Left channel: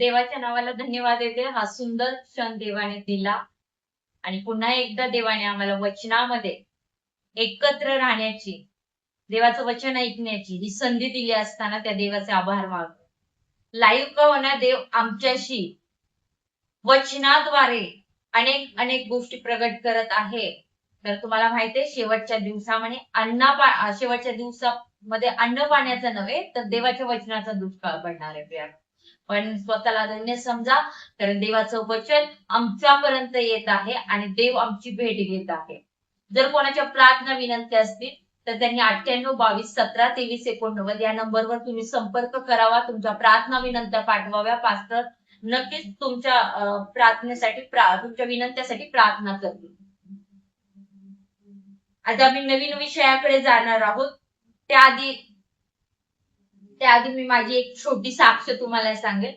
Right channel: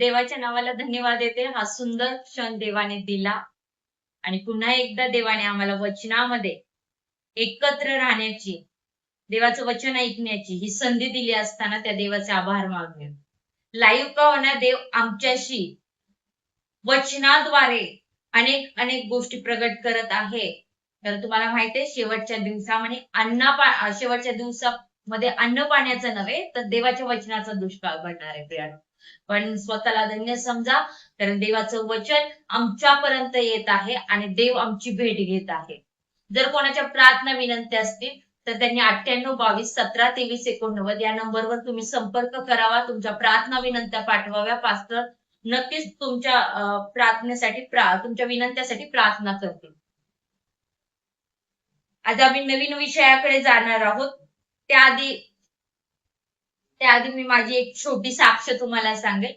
देवाच्या नावाला धन्यवाद देते. हा सुंदर क्षण देवाने दिला आणि पुन्हा एकदा देवाने आम्हाला वचनामध्ये एकत्र राहण्याची, देवाचं वचन ऐकण्याची ही संधी दिली असताना त्या देवाचे आभार मानूया. लाईव्ह का होणार देव आमच्याशी वचनाद्वारे अनेक अनेक गोष्टी प्रगट करत आहे. तर तुम्हाला माहितीये शेवटच्या दिवसामध्ये शेवटच्या दिवसामध्ये अन्न पाण्याचं नव्हे तर देवाच्या वचनाचा दुष्काळ पडणार आहे प्रियानो. पण स्वतःला धन्य समजा, कारण देवाचं वचन आमच्यापर्यंत येत आहे आणि देव आमची भेट घेत आहे. जर कोणाच्या प्रार्थना विनंत्या असतील तर त्यांनी 9822172389 या नंबरवर तुम्ही संपर्क करावा. तुमच्या प्रार्थना विनंत्या पाठवाव्या. पास्टर नक्कीच तुमच्या प्रार्थनेसाठी तुमच्या विनंत्यासाठी प्रार्थना करतील. आज आम्ही नवीन विषयाकडे जाणार आहोत. त्याआधी मी माझी एक छोटी साक्ष तुम्हाला सांगेल.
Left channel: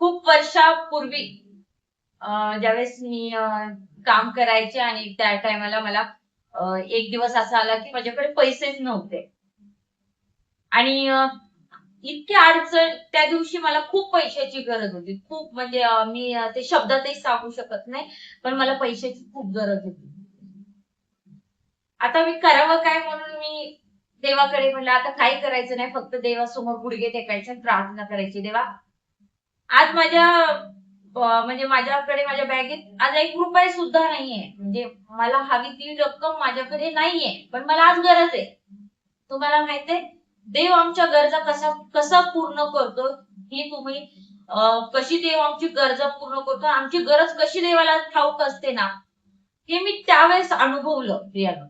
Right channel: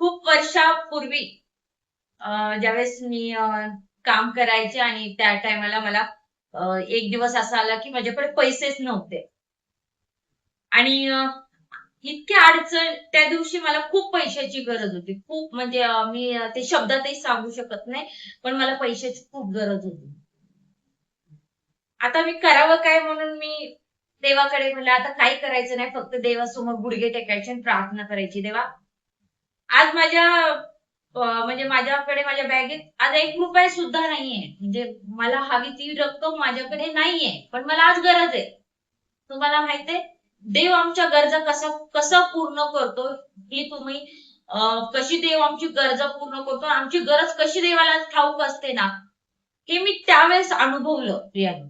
खूप वर्षापूर्वी ज्यावेळेस मी काम करायचे आणि त्या टायमाला मला एक दिवस असा आला की माझ्याकडे पैसेच नव्हते आणि इतकी अडचण. त्या दिवशी मला खूप पैशाची गरज होती. खूप म्हणजे मी ते शब्दातही सांगू शकत नाही, पण मला पैशाची खूप गरज होती. आता मी करावं काय म्हणून मी देवाकडे म्हणलं आता काही करायचं नाही, फक्त देवासमोर गुडघे टेकायचे आणि प्रार्थना करायची. देवा, आज माझ्याकडे माझ्या बॅगेत आज 1 रुपया सुद्धा नाहीये. म्हणजे मला हवी ती रक्कम माझ्याकडे नाहीये, पण मला आज गरज आहे. तुम्हाला माहितीये देव आमच्या गरजा कसा पूर्ण करतो ही तुम्ही कशी देव आमची गरजा पूर्ण करतो, आमची गरज कशी देवाला ठाऊक असते ना, हे मी त्यावेळेस अनुभवलं प्रियानो.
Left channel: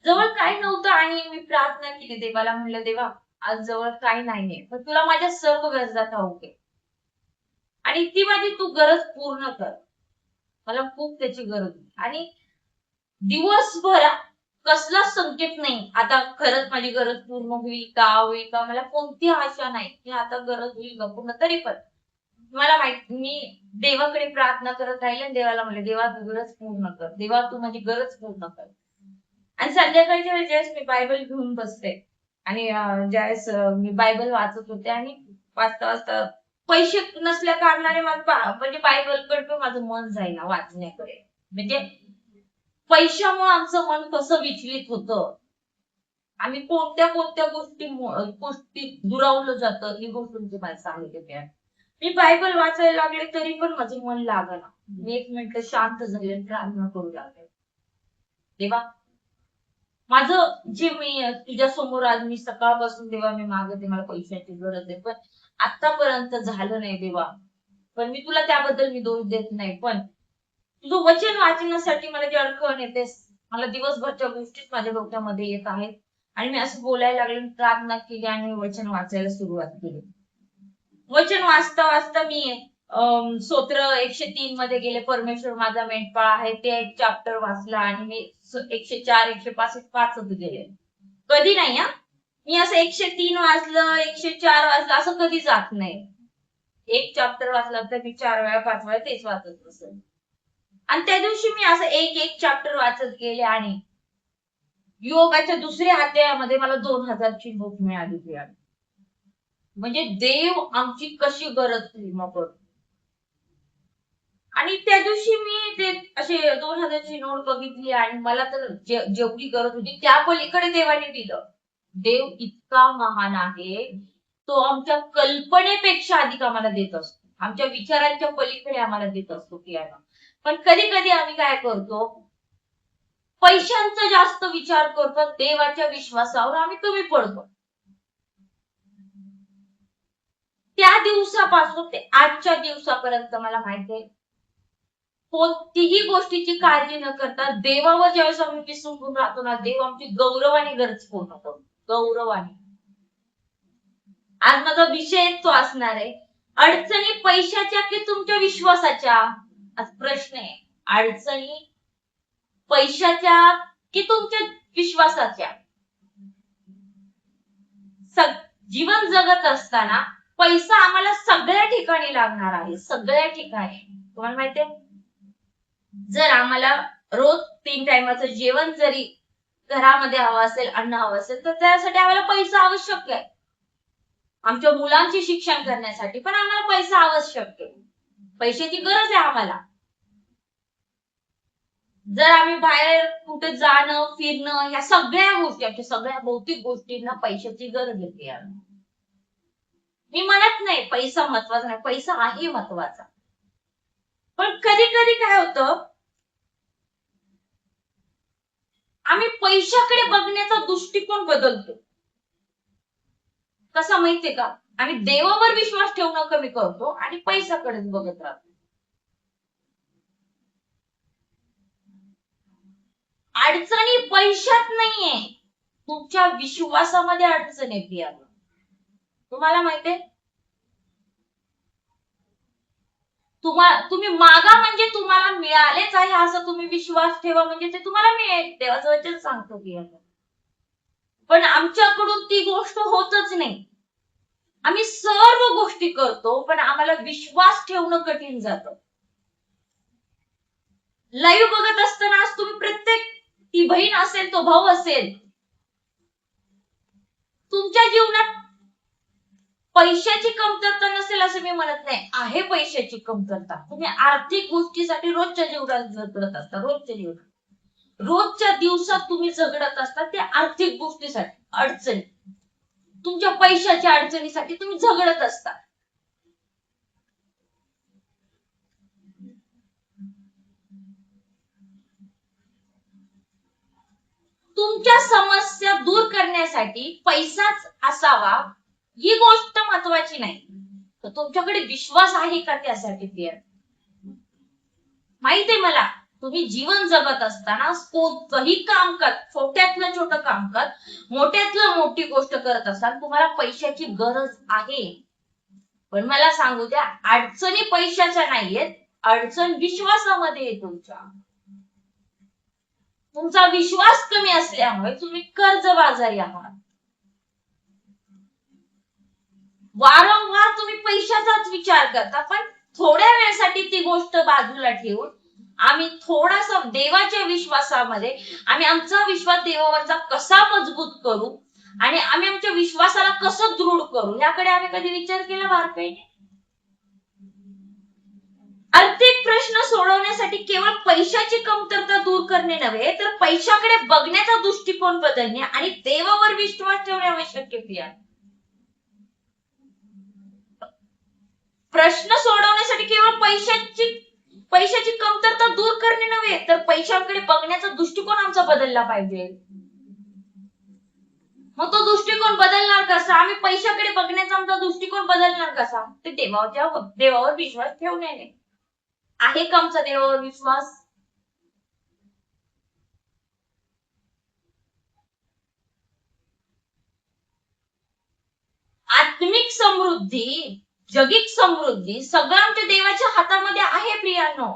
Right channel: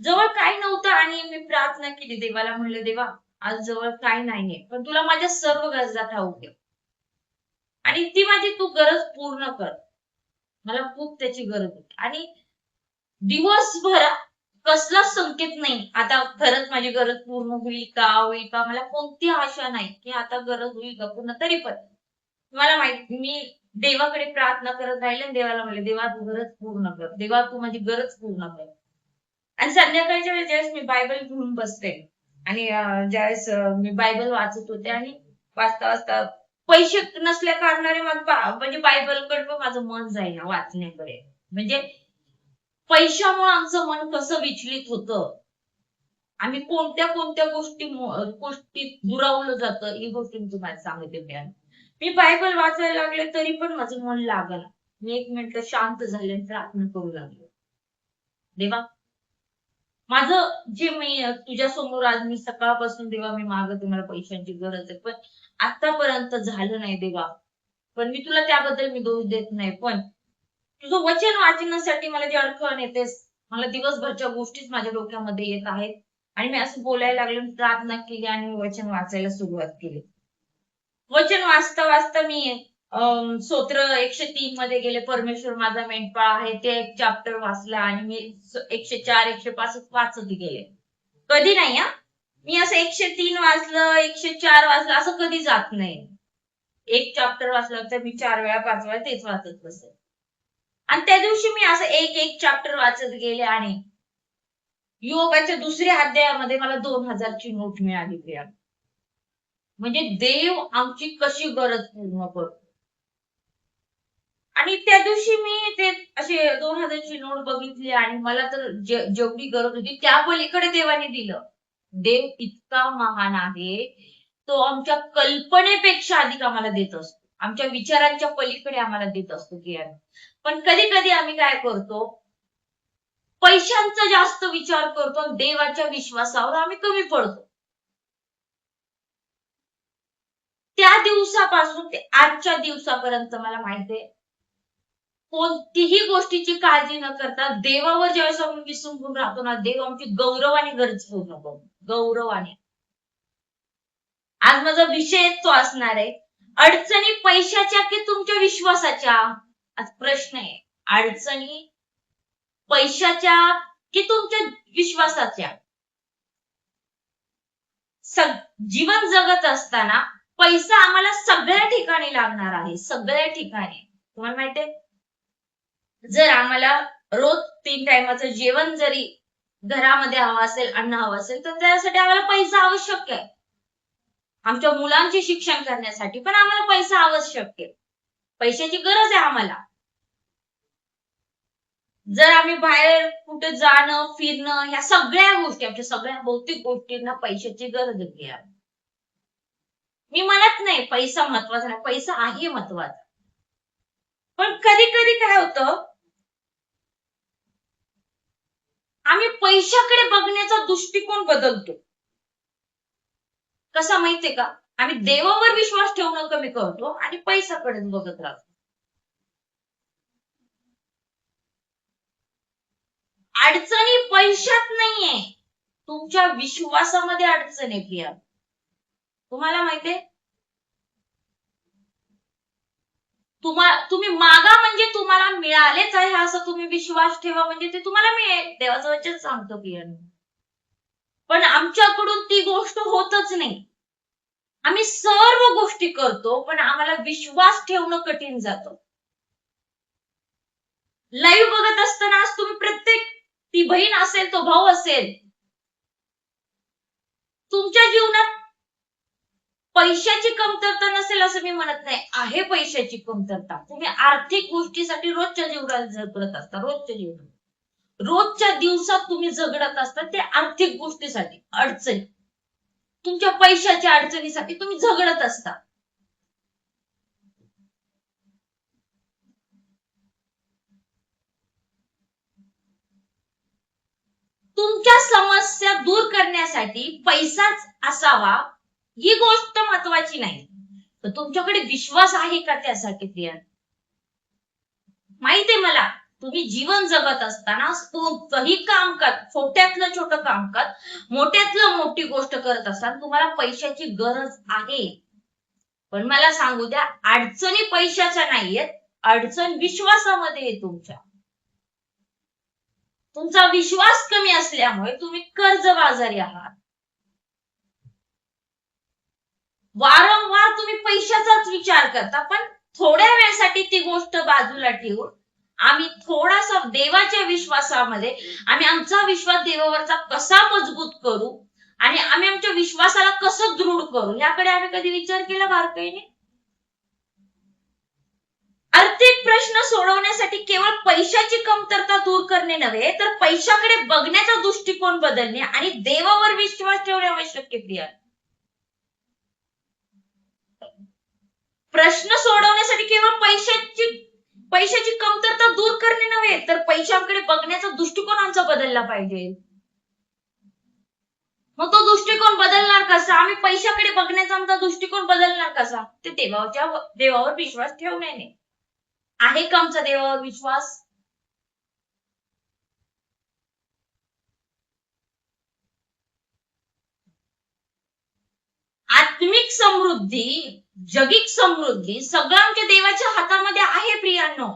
जवळ काय नव्हतं आणि मी प्रार्थना केली देवाला, म्हणलं देवा आज जवळ काय नाहीये, पण तुला माझ्या सर्व गरजा ठाऊक आहे आणि ती माझी तू गरज पूर्ण कर. मला खूप त्याची गरज होती आणि दिवसभर कसला संकेत नाही आता खरंच माझी गरज पूर्ण होईल का, मला कोणती आशा नाही की आता गरज होईल का पूर्ण. तरी पण मला माहिती मी देवाकडे प्रार्थना करत राहिले आणि देवाला म्हणले देवा तू गरज पूर्ण कर, देवा तू माझी गरज पूर्ण कर. आणि संध्याकाळच्या वेळेस ज्यावेळेस मी बायबल घेऊन बसते आणि ज्यावेळेस मी बायबल वाचत होते आणि वाचता वाचता पैसे नसल्या कारणाने म्हणजे बायबलकडे पण माझं मन जाईना वाचण्याकडे. म्हणजे पैशामुळे आमचं मन कसं विचलित होतं, आम्ही कोणत्या कोणत्या गोष्टी दुरावलं जातं ही गोष्ट मी तुम्हाला सांगते. मी बायबल वाचायला लागले तरी पण माझं मन लागलं. मी 1 मिनिट शांत झाले आणि प्रार्थना करू लागले. देवा माझं जे मी तुझ्या समोर आज मी सकाळपासून देवा मी मागते, मला पैशांची गरज आहे, पण आतापर्यंत झालं नाही देवा. पण मी तुला त्याबद्दल मी दोष देत नाही, पण तुझं वचन वाचण्यासाठी मला जी अडखण येते, मला दिवसभरच्या गोष्टीच माझ्या डोक्यामध्ये येत आहेत आणि मी असं बोलायला लागले, प्रार्थना केली आणि वचन वाचायला सुरुवात केली. वचन वाचता वाचता मी स्तोत्र 103 मध्ये गेले. परमेश्वर माझा मेंढपाळ आहे ते एक चॅप्टर वाचला आणि मी 104 105 वाचत गेले. कधी नाही मी असं 103 वाचलं 104 वाचलं असं कधी जात नाही. एक चॅप्टर वाचला तर मी 4 वेळा 5 वेळा तेच वाचत बसले. आणि त्या दिवशी मी असं एक चॅप्टर वाचत गेले आणि योगाच्या 2ऱ्या अध्यायामध्ये मला 2000 ची नोट मिळाली प्रिया. म्हणजे देव आमची कशी गरज पूर्ण करतो. आणि त्या दिवशी मी ते असे 2000 ची नोट बघितली आणि मला तर जेवढी गरज होती त्या पलीकडे देवाने दिलं. देव इतका महान आहे, तो आमच्या कल्पनेपेक्षा अधिक आम्हाला देत असतो, आमच्या विचारांच्या पलीकडे आम्हाला देत असतो की यानं. पण कधी कधी आम्ही काय करतो, पैशांचा जास्त विचार करतो, देवाच्या विश्वासावर आम्ही कमी पडतो. त्या दिवसापासून ते आजच्या दिवसापर्यंत मला माहितीये कोणतीही गोष्टीची काळजी न करता देवावर ज्यावेळेस आम्ही विसंबून राहतो ना, देव आमची गौरवाने गरज पूर्ण करतो. गौरवाने. आज माझा विषय तो असणार आहे, अडचणी पैशाच्या की तुमच्या विश्वासाच्या. आज प्रश्न आहे, अडचणी पैशाच्या की तुमच्या विश्वासाच्या. जीवन जगत असताना पैसा आम्हाला सगळ्या ठिकाणी लागणार आहे, सगळ्या ठिकाणी. तुम्हाला माहितीये जर आम्हाला रोज 3 टाइमाचं जेवण जरी घरामध्ये हवं असेल, अन्न हवं असेल, तर त्यासाठी आम्हाला पैसा आवश्यक आहे. आमच्या मुलांचे शिक्षण करण्यासाठी पण आम्हाला पैसा आवश्यक आहे. पैशाची गरज आहे आम्हाला. जर आम्ही बाहेर कुठे जाणं फिरणं ह्या सगळ्या गोष्टी आमच्या सगळ्या भौतिक गोष्टींना पैशाची गरज आहे. मी म्हणत नाही पैसा महत्वाचा नाही, पैसा आहे महत्वाचा. पण कधी कधी काय होतं, आम्ही पैशाकडे बघण्याचा दृष्टिकोन बदलतो. कसा माहितीये का, आम्ही देवावर विश्वास ठेवणं कमी करतो आणि पैशाकडेच बघत राहतो. अडचणी पैशात नाहीये, तुमच्या विश्वासामध्ये अडचण आहे प्रिया. तुम्हाला माहितीये, तुम्ही मागा म्हणजे तुम्हाला मिळालेच आहे असं तुम्ही विश्वास ठेवा, म्हणजे ते तुम्हाला मिळेल. देवाचं वचन सांगतो प्रिया. पण आमच्याकडून ती गोष्ट होतच नाही. आम्ही सर्व गोष्टी करतो पण आम्हाला विश्वास ठेवणं कठीण जातं. लाईव्ह बघत असताना आज तुम्ही प्रत्येक, ती बहीण असेल तो भाऊ असेल, तुमच्या जीवनात पैशाची कमतरता नसेल असं मी म्हणत नाही, आहे पैशाची कमतरता. तुम्ही आर्थिक गोष्टीसाठी रोजच्या जीवनात झगडत असता, रोजच्या दिवसात तुम्ही झगडत असता ते आर्थिक गोष्टीसाठी, अडचणी, तुमच्या पैशाच्या अडचणीसाठी तुम्ही झगडत असता. तुमच्या समस्या दूर करण्यासाठी पैसाच असावा ही गोष्ट महत्वाची नाही, तर तुमच्याकडे विश्वास आहे का त्यासाठी प्रिया. माहितीये मला, तुम्ही जीवन जगत असताना कोणतंही काम कर, छोट्यातलं छोटं काम कर, मोठ्यातलं मोठी गोष्ट करत असताना तुम्हाला पैशाची गरज आहे. पण मला सांगू द्या, अडचणी पैशाच्या नाहीयेत, अडचण विश्वासामध्ये आहे तुमच्या. तुमचा विश्वास कमी असल्यामुळे तुम्ही कर्जबाजारी आहात. वारंवार तुम्ही पैशाचाच विचार करता, पण थोड्या वेळसाठी ती गोष्ट बाजूला ठेवून आम्ही थोडासा देवाच्या विश्वासामध्ये, आम्ही आमचा विश्वास देवावरचा कसा मजबूत करू आणि आम्ही आमच्या विश्वासाला कसं दृढ करू याकडे आम्ही कधी विचार केला बारकाईने. आर्थिक प्रश्न सोडवण्यासाठी केवळ पैशाची कमतरता दूर करणे नव्हे, तर पैशाकडे बघण्याचा दृष्टिकोन बदलणे आणि देवावर विश्वास ठेवणे आवश्यक आहे प्रिया. प्रश्न सोडवण्यासाठी केवळ पैशाची कमतरता दूर करणे नव्हे, तर पैशाकडे बघण्याचा दृष्टिकोन आमचा बदलला पाहिजे. मग तो दृष्टिकोन बदलणार कसा, आम्ही पैशाकडे बघण्याचा आमचा दृष्टिकोन बदलणार कसा, ते देवावर विश्वास ठेवण्याने. आहे का आमचा देवावर विश्वास. आत्मिक समृद्धी, जगिक समृद्धी सगळं आमच्या देवाच्या हातामध्ये आहे प्रियांनो.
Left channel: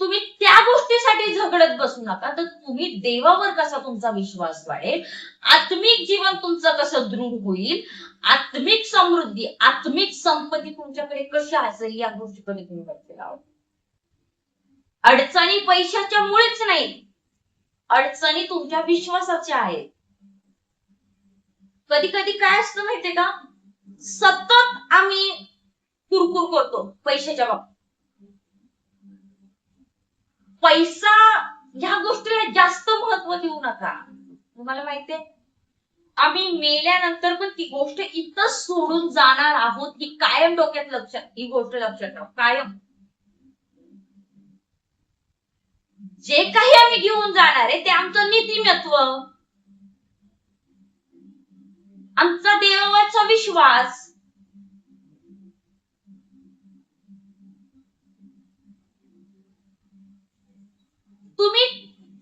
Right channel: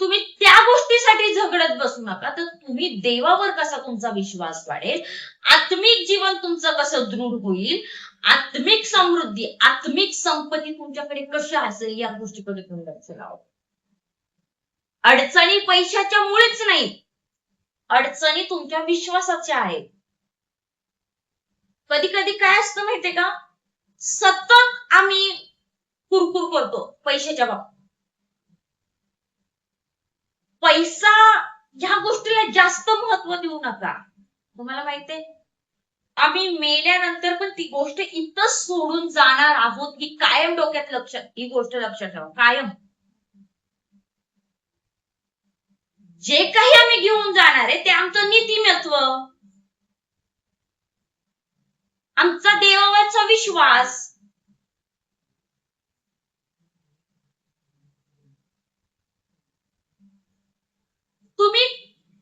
तुम्ही त्या गोष्टीसाठी झगडत बसू नका, तर तुम्ही देवावर कसा तुमचा विश्वास वाढेल, आत्मिक जीवन तुमचं कसं दृढ होईल, आत्मिक समृद्धी, आत्मिक संपत्ती तुमच्याकडे कशा असेल या गोष्टीकडे तुम्ही लक्ष लावा. अडचणी पैशाच्या मुळेच नाही, अडचणी तुमच्या विश्वासाच्या आहेत. कधी कधी काय असतं माहितीये का, सतत आम्ही कुरकुर करतो पैशाच्या बाबतीत. पैसा ह्या गोष्टीला जास्त महत्व देऊ नका. तुम्हाला माहितीये, आम्ही मेल्यानंतर पण ती गोष्ट इथं सोडून जाणार आहोत ही कायम डोक्यात ही गोष्ट लक्षात ठेवा कायम. जे काही आम्ही घेऊन जाणार आहे ते आमचं नीतिमत्व, आमचा देवावरचा विश्वास. तुम्ही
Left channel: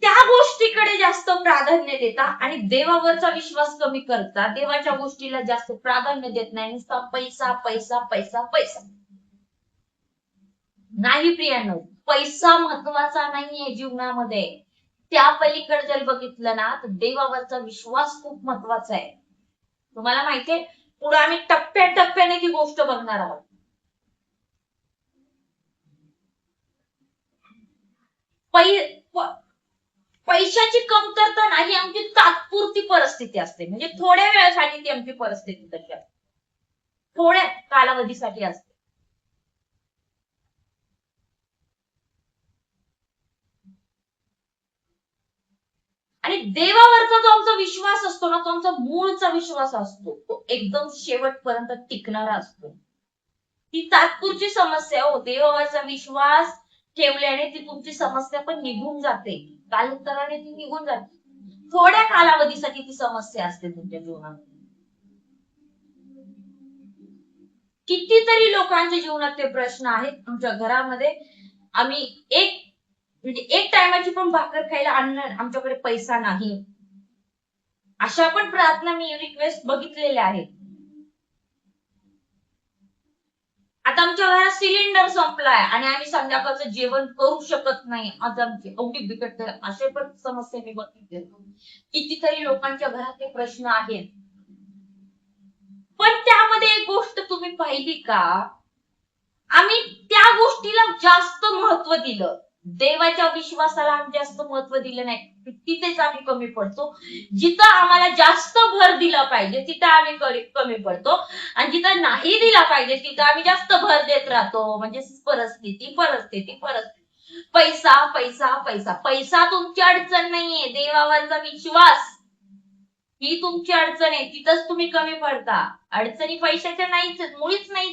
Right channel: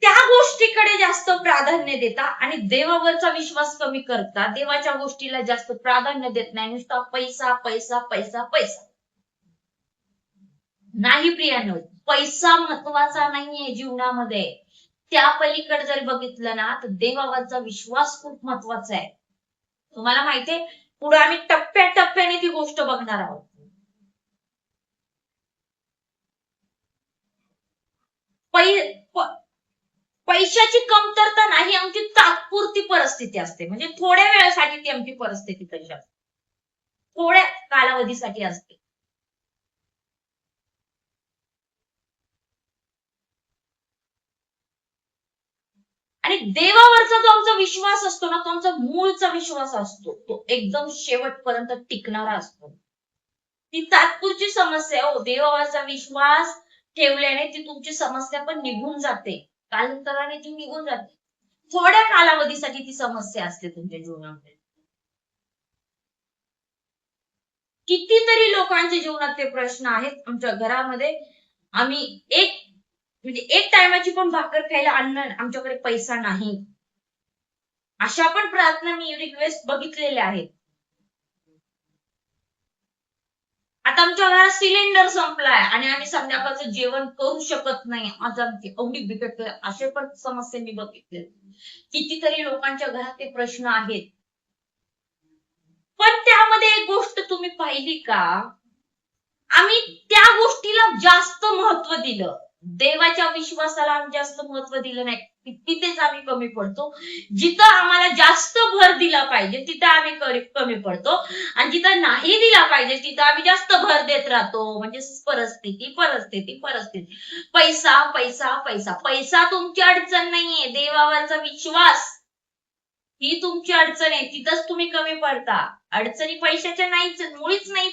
त्या गोष्टीकडे जास्त प्राधान्य देता आणि देवावरचा विश्वास कमी करता, देवाच्या गोष्टीला जास्त प्राधान्य देत नाही, नुसता पैसा पैसा पैसा पैसा. नाही प्रियांनो, पैसा महत्वाचा नाहीये जीवनामध्ये. त्या पलीकडे जर बघितलं ना तर देवावरचा विश्वास खूप महत्वाचा आहे. तुम्हाला माहितीये, पुढे आम्ही टप्प्याटप्प्याने ती गोष्ट बघणार आहोत. पैशाची कमतरता नाही, आमची तात्पुरती परिस्थिती असते. म्हणजे थोड्या वेळासाठी ती आमची परिस्थिती तशी असते, थोड्या कालावधीसाठी असते. आणि देवावरचा जो आमचा विश्वास असतो ना, तो आमचा मूळचा विश्वास असतो, तो एकदम शेवटपर्यंत टिकणारा असतो. ती तात्पुरती समस्या हो, देवावरचा विश्वास ठेवल्याने ती तुमची समस्या पण निघून जाते, कालांतराने ती निघून जाते. थोड्या कालावधीसाठी ती समस्या असते तुमच्या जीवनामध्ये. कितीतरी लोकांच्या जीवनात ते प्रश्न आहेत. आमच्या घरामध्ये आम्ही म्हणजे एक टायमाची पण भाकर खायला अन्न, आमच्याकडे पैसा नाही, अशा पण प्रार्थना मी रिक्वेस्ट बघितलेल्या आहेत. आता आमच्या घरात सिलेंडर संपलाय आणि आम्ही संध्याकाळचं जेवण करू शकत नाही, आज आमची एवढी बिकट, असे पण समस्या मी बघितले. कितीतरी लोकांच्या घरात ते प्रश्न आहेत. पण त्यामध्ये एक गोष्ट तुम्ही पाहिली का, आम्ही त्या गोष्टीला जास्त महत्व दिलं, देवाच्या विश्वासाला आम्ही जास्त महत्व दिलं नाही, तिथेच आम्ही कमी पडतो. जिथं आम्हाला जास्त भर दिला पाहिजे तिथं आम्ही कमी पडतो, आणि जिथं नाही दिला पाहिजे तिथं आम्ही जास्त भर देत राहतो. म्हणजे परिस्थिती परिस्थिती परिस्थिती, पैसा पैसा पैसा. पैसा तुमची अडचण नाहीये, देवावरचा विश्वास ही तुमची अडचण आहे, तिथंच तुम्ही कमी पडता. अडचणी पैशाच्या नाहीच, मुळीच नाही.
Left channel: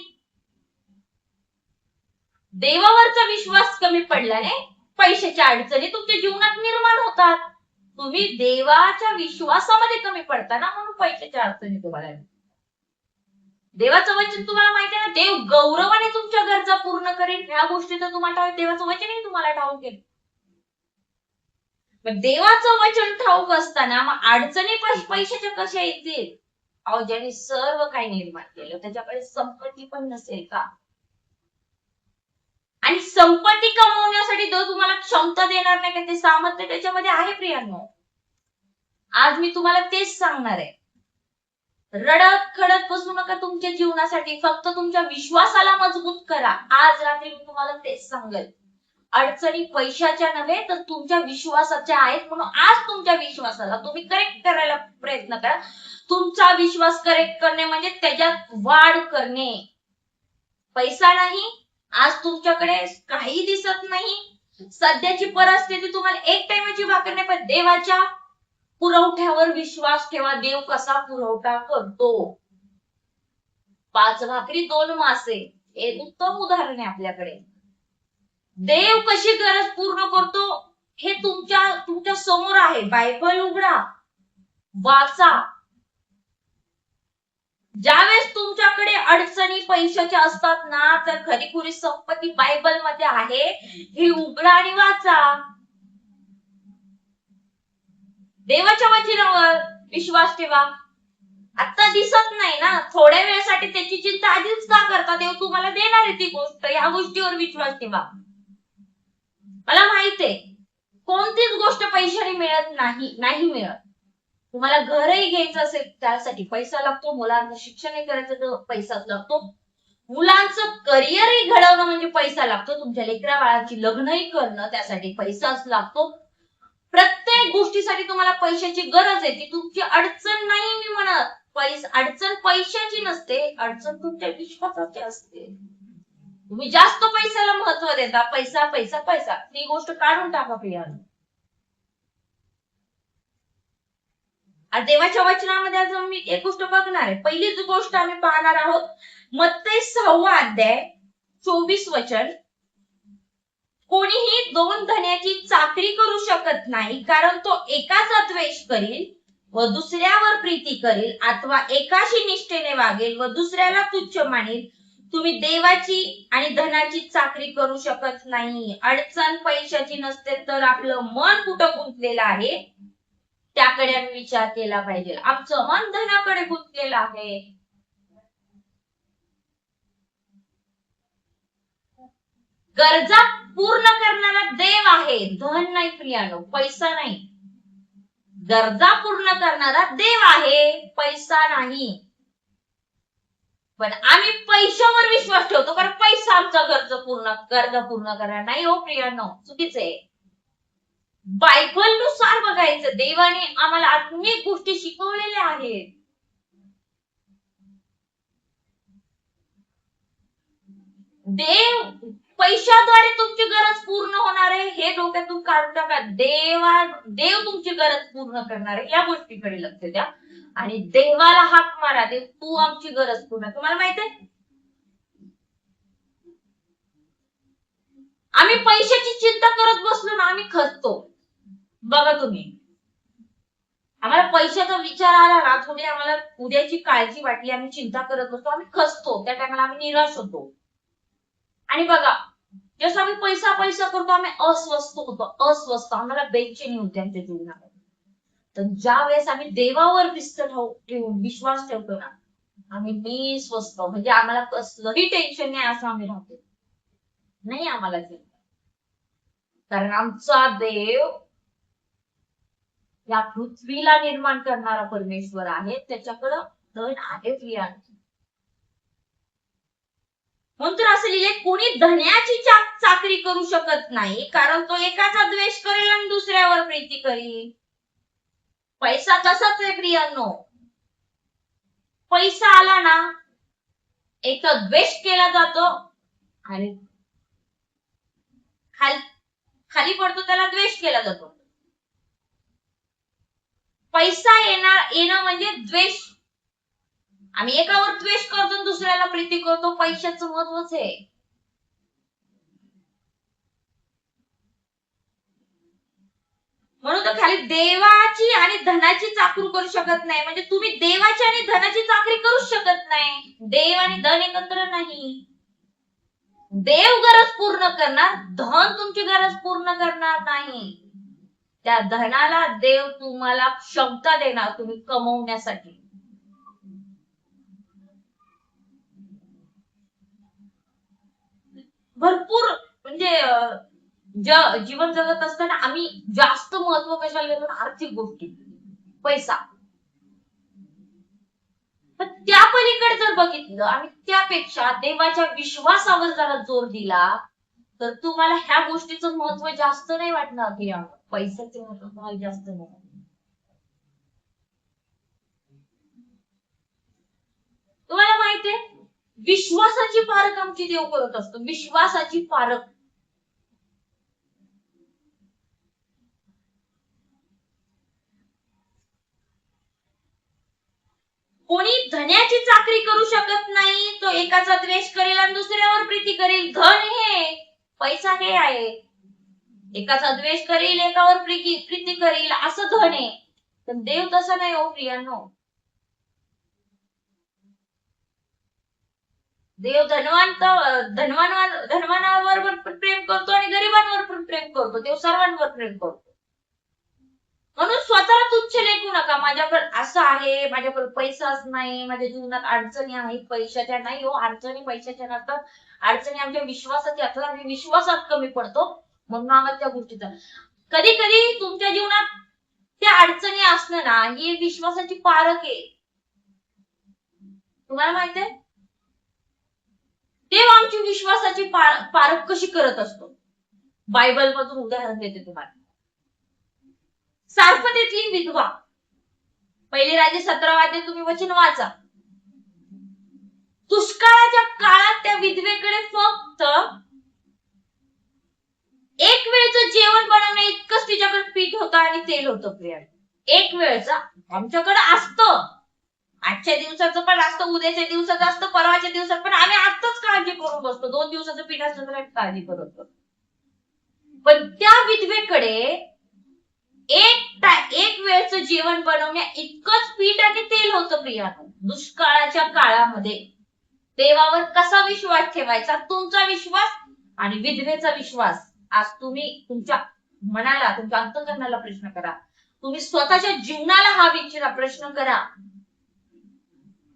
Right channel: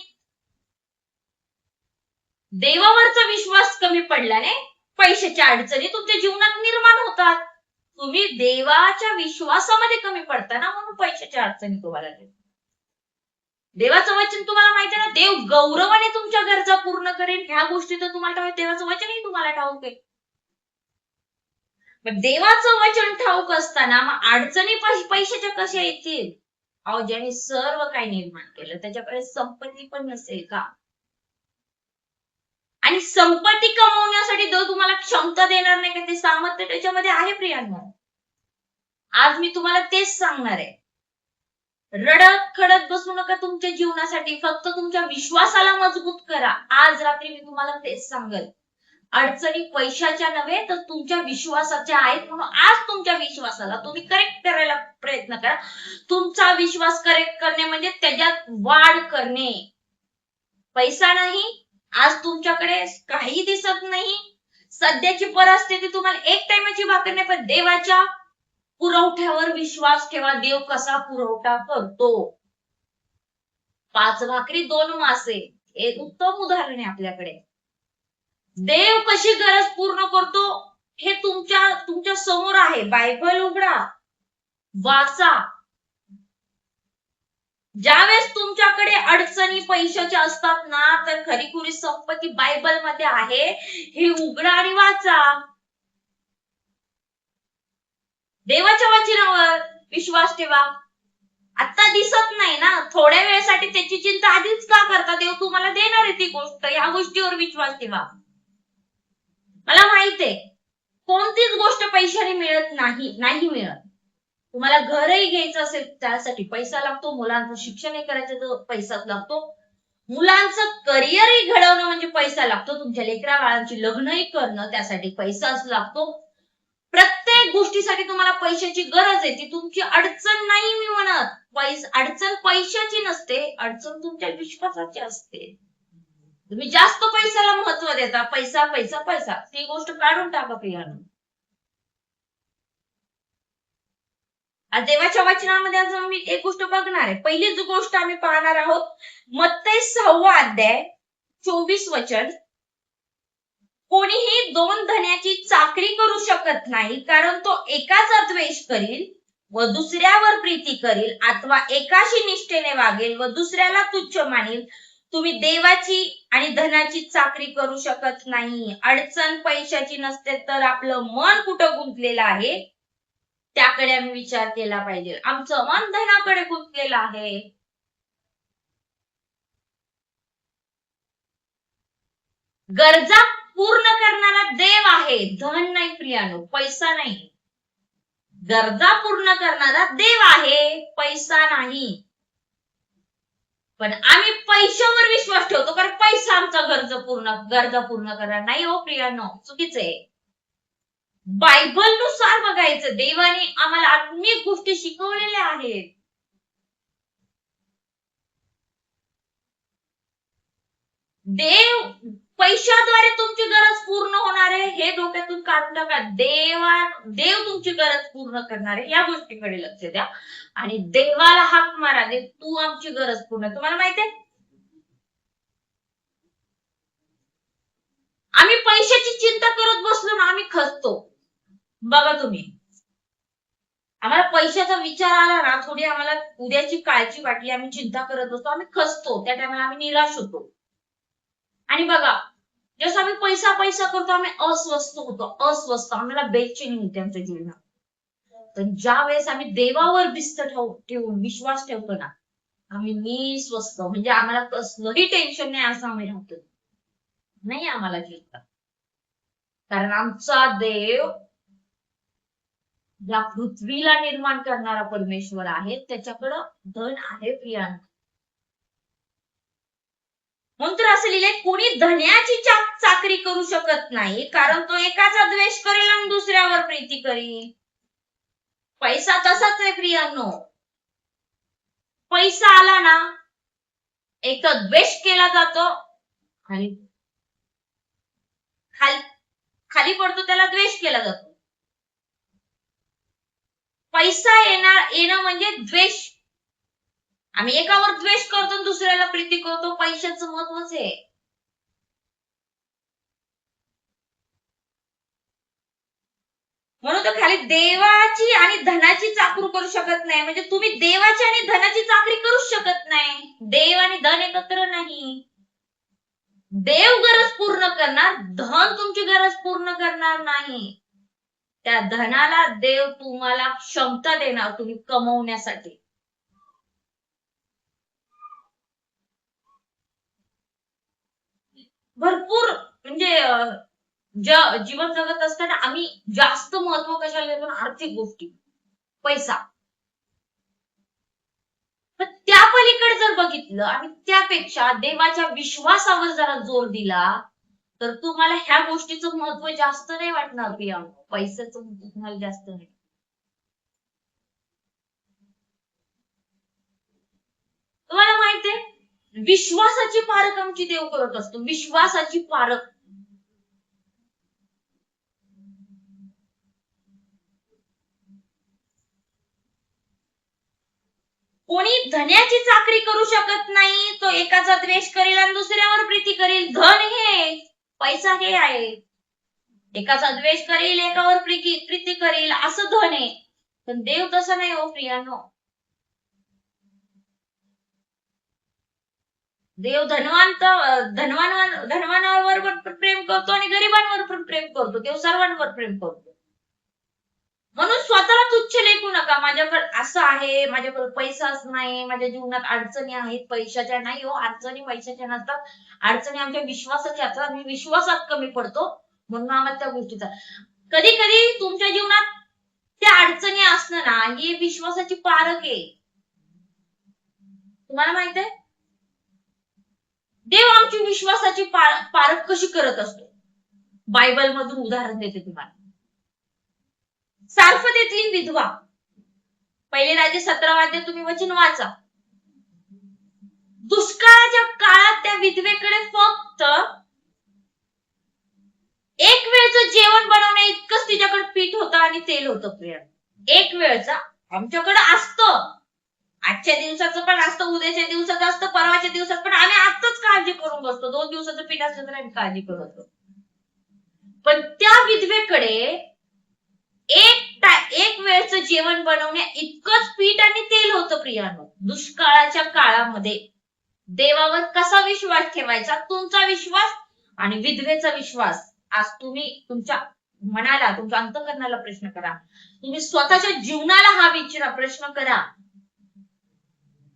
देवावरचा विश्वास कमी पडल्याने पैशाच्या अडचणी तुमच्या जीवनात निर्माण होतात. तुम्ही देवाच्या विश्वासामध्ये कमी पडता ना, म्हणून पैशाच्या अडचणी तुम्हाला येतात. देवाचं वचन तुम्हाला माहिती आहे ना, देव गौरवाने तुमच्या गरजा पूर्ण करेल, ह्या गोष्टी तर तुम्हाला ठाऊक, देवाचं वचनही तुम्हाला ठाऊक आहे. पण देवाचं वचन ठाऊक असताना मग अडचणी पैशाच्या कशा येतील? अहो, ज्याने सर्व काही निर्माण केलं त्याच्याकडे संपत्ती पण नसेल का? आणि संपत्ती कमवण्यासाठी देव तुम्हाला क्षमता देणार नाही का? ते सामर्थ्य त्याच्यामध्ये आहे प्रियांनो. आज मी तुम्हाला तेच सांगणार आहे, रडत खडत बसू नका तुमच्या जीवनासाठी, फक्त तुमच्या विश्वासाला मजबूत करा. आज रात्री मी तुम्हाला तेच सांगेल, अडचणी पैशाच्या नव्हे तर तुमच्या विश्वासाच्या आहेत, म्हणून आज तुमच्या विश्वासाला तुम्ही करेक्ट करायला प्रयत्न करा. तुमचा विश्वास करेक्ट करणे म्हणजे त्याच्यात वाढ करणे. पैसा नाही, आज तुमच्याकडे काही दिसत नाही, सध्याची परिस्थिती तुम्हाला एक टाइमची भाकर नाही, पण देवाच्या पुरवठ्यावर विश्वास ठेवा. देव कसा पुरवठा करतो. 5 भाकरी 2 मासे, एक उत्तम उदाहरण आहे आपल्याकडे. देव कशी गरज पूर्ण करतो हे तुमच्या समोर आहे. बायबल उघडा, वाचा. ज्यावेळेस तुमच्याकडे अडचणी पैशाच्या असतात ना, तर खरीखुरी संपत्ती बायबल मध्ये आहे, हे उघडा आणि वाचा. देवाच्या वचनावर विश्वास ठेवा. आता दिसत नाही ना, थोड्या वेळेसाठी त्याची चिंता आधीच का करता? देव तुम्हाला देणार आहे ती गोष्ट, या गोष्टीवर विश्वास ठेवा. मला माहित आहे कोणतीच गोष्ट पैशाने मिळत नाही मिळत. तुम्हाला घरही घ्यायचं असेल त्यासाठी पैसा लागतो, मुलांचं शिक्षणही करायचं तर पैसाच लागतो, मुलांचं करिअरही घडवणं म्हणजे पैसा लागतो, तुमच्या लेकरा बाळांची लग्नही करणं त्यासाठी पैसाच लागतो. प्रत्येक गोष्टीसाठी तुम्हाला पैशाची गरज आहे. ती तुमची अडचण नाही मी म्हणत, अडचण पैशाची नसते, अडचण तुमच्या विश्वासाची असते. तुम्ही जास्त पैशाला महत्व देता, पैसा पैसा पैसा, ती गोष्ट काढून टाका प्रियानो. आज देवाच्या वचनामध्ये आज मी एक गोष्ट बघणार आहे. पहिलीच गोष्ट आम्ही पाहणार आहोत, मत्ती 6 अध्याय 24 वचन. कोणीही 2 धन्याची चाकरी करू शकत नाही, कारण तो एकाचा द्वेष करील व दुसऱ्यावर प्रीती करील, अथवा एकाशी निष्ठेने वागेल व दुसऱ्याला तुच्छ मानेल. तुम्ही देवाची आणि धनाची चाकरी करू शकत नाही. अडचण पैशाची नसते तर आपलं मन कुठं गुंतलेलं आहे त्याकडे आम्ही विचार केला पाहिजे. आमचं मन धनाकडे गुंतलेलं आहे. गरजा पूर्ण करणारा देव आहे, धन नाही प्रियानो, पैसा नाही. गरजा पूर्ण करणारा देव आहे, पैसा नाही. पण आम्ही पैशावर विश्वास ठेवतो, कारण पैसा आमचा गरजा पूर्ण करणार नाही. हो प्रियानो, चुकीचं आहे. बायबलनुसार बघायचं. देवाने आम्हाला आत्मिक गोष्टी शिकवलेल्या आहेत. देव पैशाद्वारे तुमची गरज पूर्ण होणार आहे हे डोक्यातून काढून टाका. देव तुमची गरज पूर्ण करणार आहे या गोष्टीकडे लक्ष द्या आणि देवाला हाक मारा, देव तू आमची गरज पूर्ण. तुम्हाला माहित आहे आम्ही पैशाची चिंता करत बसलो ना आम्ही खचतो. बघा तुम्ही, आम्हाला पैशाचा विचार आला ना, थोडी आम्हाला उद्याची काळजी वाटली, आम्ही चिंता करत बसतो, आम्ही खचतो. त्या टायमाला आम्ही निराश होतो. आणि बघा जसं आम्ही पैसा पैसा करतो आम्ही अस्वस्थ होतो, आम्हाला बेचैनी होते आमच्या जीवनात. तर ज्या वेळेस आम्ही देवावर भिस्त ठेवून विश्वास ठेवतो ना, आम्ही निस्वस्थ, म्हणजे आम्हाला कसलंही टेन्शन नाही असं आम्ही राहतो. नाही आम्हाला चिंता, कारण आमचा देव या पृथ्वीला निर्माण करणारा परमेश्वर आहे, त्याच्याकडं धन आहे प्रियांका. म्हणून तर असं लिहिलंय, कोणी धन्याची चाकरी करू शकत नाही, कारण तो एकाचा द्वेष करेल आणि दुसऱ्यावर प्रीती करील. पैसा तसाच आहे प्रियांनो. पैसा आला ना, एक तर द्वेष केला जातो आणि खाली पडतो, त्याला द्वेष केला जातो. पैसा येणं म्हणजे द्वेष. आम्ही एकावर द्वेष करतो, दुसऱ्याला प्रीती करतो. पैशाचं महत्वच आहे. म्हणून तर खाली देवाची आणि धनाची चाकरी करू शकत नाही, म्हणजे तुम्ही देवाची आणि धनाची चाकरी करूच शकत नाही. देव आणि धन एकत्र नाही. देव गरज पूर्ण करणार, धन तुमची गरज पूर्ण करणार नाही. त्या धनाला देव तुम्हाला क्षमता देणार तुम्ही कमवण्यासाठी. भरपूर म्हणजे जीवन जगत असताना आम्ही जास्त महत्व कशाला देतो? आर्थिक गोष्टी, पैसा. पण त्या पलीकडे जर बघितलं आणि त्यापेक्षा देवाच्या विश्वासावर जरा जोर दिला तर तुम्हाला ह्या गोष्टीचं महत्व जास्त नाही वाटणार प्रियांका. पैशाचं महत्व तुम्हाला जास्त नाही. तुम्हाला माहितीये विश्वासाची पारख आमची देव करत असतो. विश्वासाची पारख. कोणी धन्याची चाकरी करू शकत नाही, तो एकाचा द्वेष करेल आणि दुसऱ्यावर प्रीती करेल. धन हे, पैसा हे आहे. एकाचा द्वेष करेल, एकावर प्रीती करेल, असं धन आहे. पण देव तसं नाही हो प्रियांनो. देव धनवानावर पण प्रेम करतो आणि गरिबांवर पण प्रेम करतो. देव सर्वांवर प्रेम करतो. म्हणून स्वतःला तुच्छ लेखू नका. माझ्याकडे असं आहे, माझ्याकडे पैसाच नाही, माझ्या जीवनात अडचणी आहेत पैशाच्या. नाही हो, अडचणी पैशाच्या नसतात. अडचणी आमच्या विश्वासाच्या असतात. आम्ही विश्वासात कमी पडतो म्हणून आम्हाला त्या गोष्टीचा. कधी कधी तुमच्या जीवनात त्या अडचणी असणं ना, ही विश्वासाची पारख आहे. तुम्हाला माहित आहे देव आमची विश्वासाची पारख कशी करत असतो? बायबल मधून उदाहरण देते तुम्हाला. सारफतेतली विधवा, पहिले राजे 17 अध्याय तुम्ही वचन वाचा. दुष्काळाच्या काळात त्या विधवेकडे फक्त एक वेळचं जेवण बनवण्या इतकंच तिच्याकडे पीठ होतं आणि तेल होतं प्रिया. एक वेळचा. आमच्याकडे असतं, आजच्या दिवसाचं पण असतं, उद्याच्या दिवसाचं असतं, परवाच्या दिवसात पण. आम्ही आताच काळजी करून बसतो. 2 दिवसाचं पीठ असलं तर आम्ही काळजी करतो. पण त्या विधवेकडे एक वेळचं जेवण बनवण्या इतकंच पीठ आणि तेल होतं प्रियानो. दुष्काळाच्या काळामध्ये देवावर कसा विश्वास ठेवायचा? तुमचा विश्वास आणि विधवेचा विश्वास. आज तुम्ही तुमच्या मनाला, तुमच्या अंतःकरणाला प्रश्न करा. तुम्ही स्वतःच्या जीवनाला हा प्रश्न करा.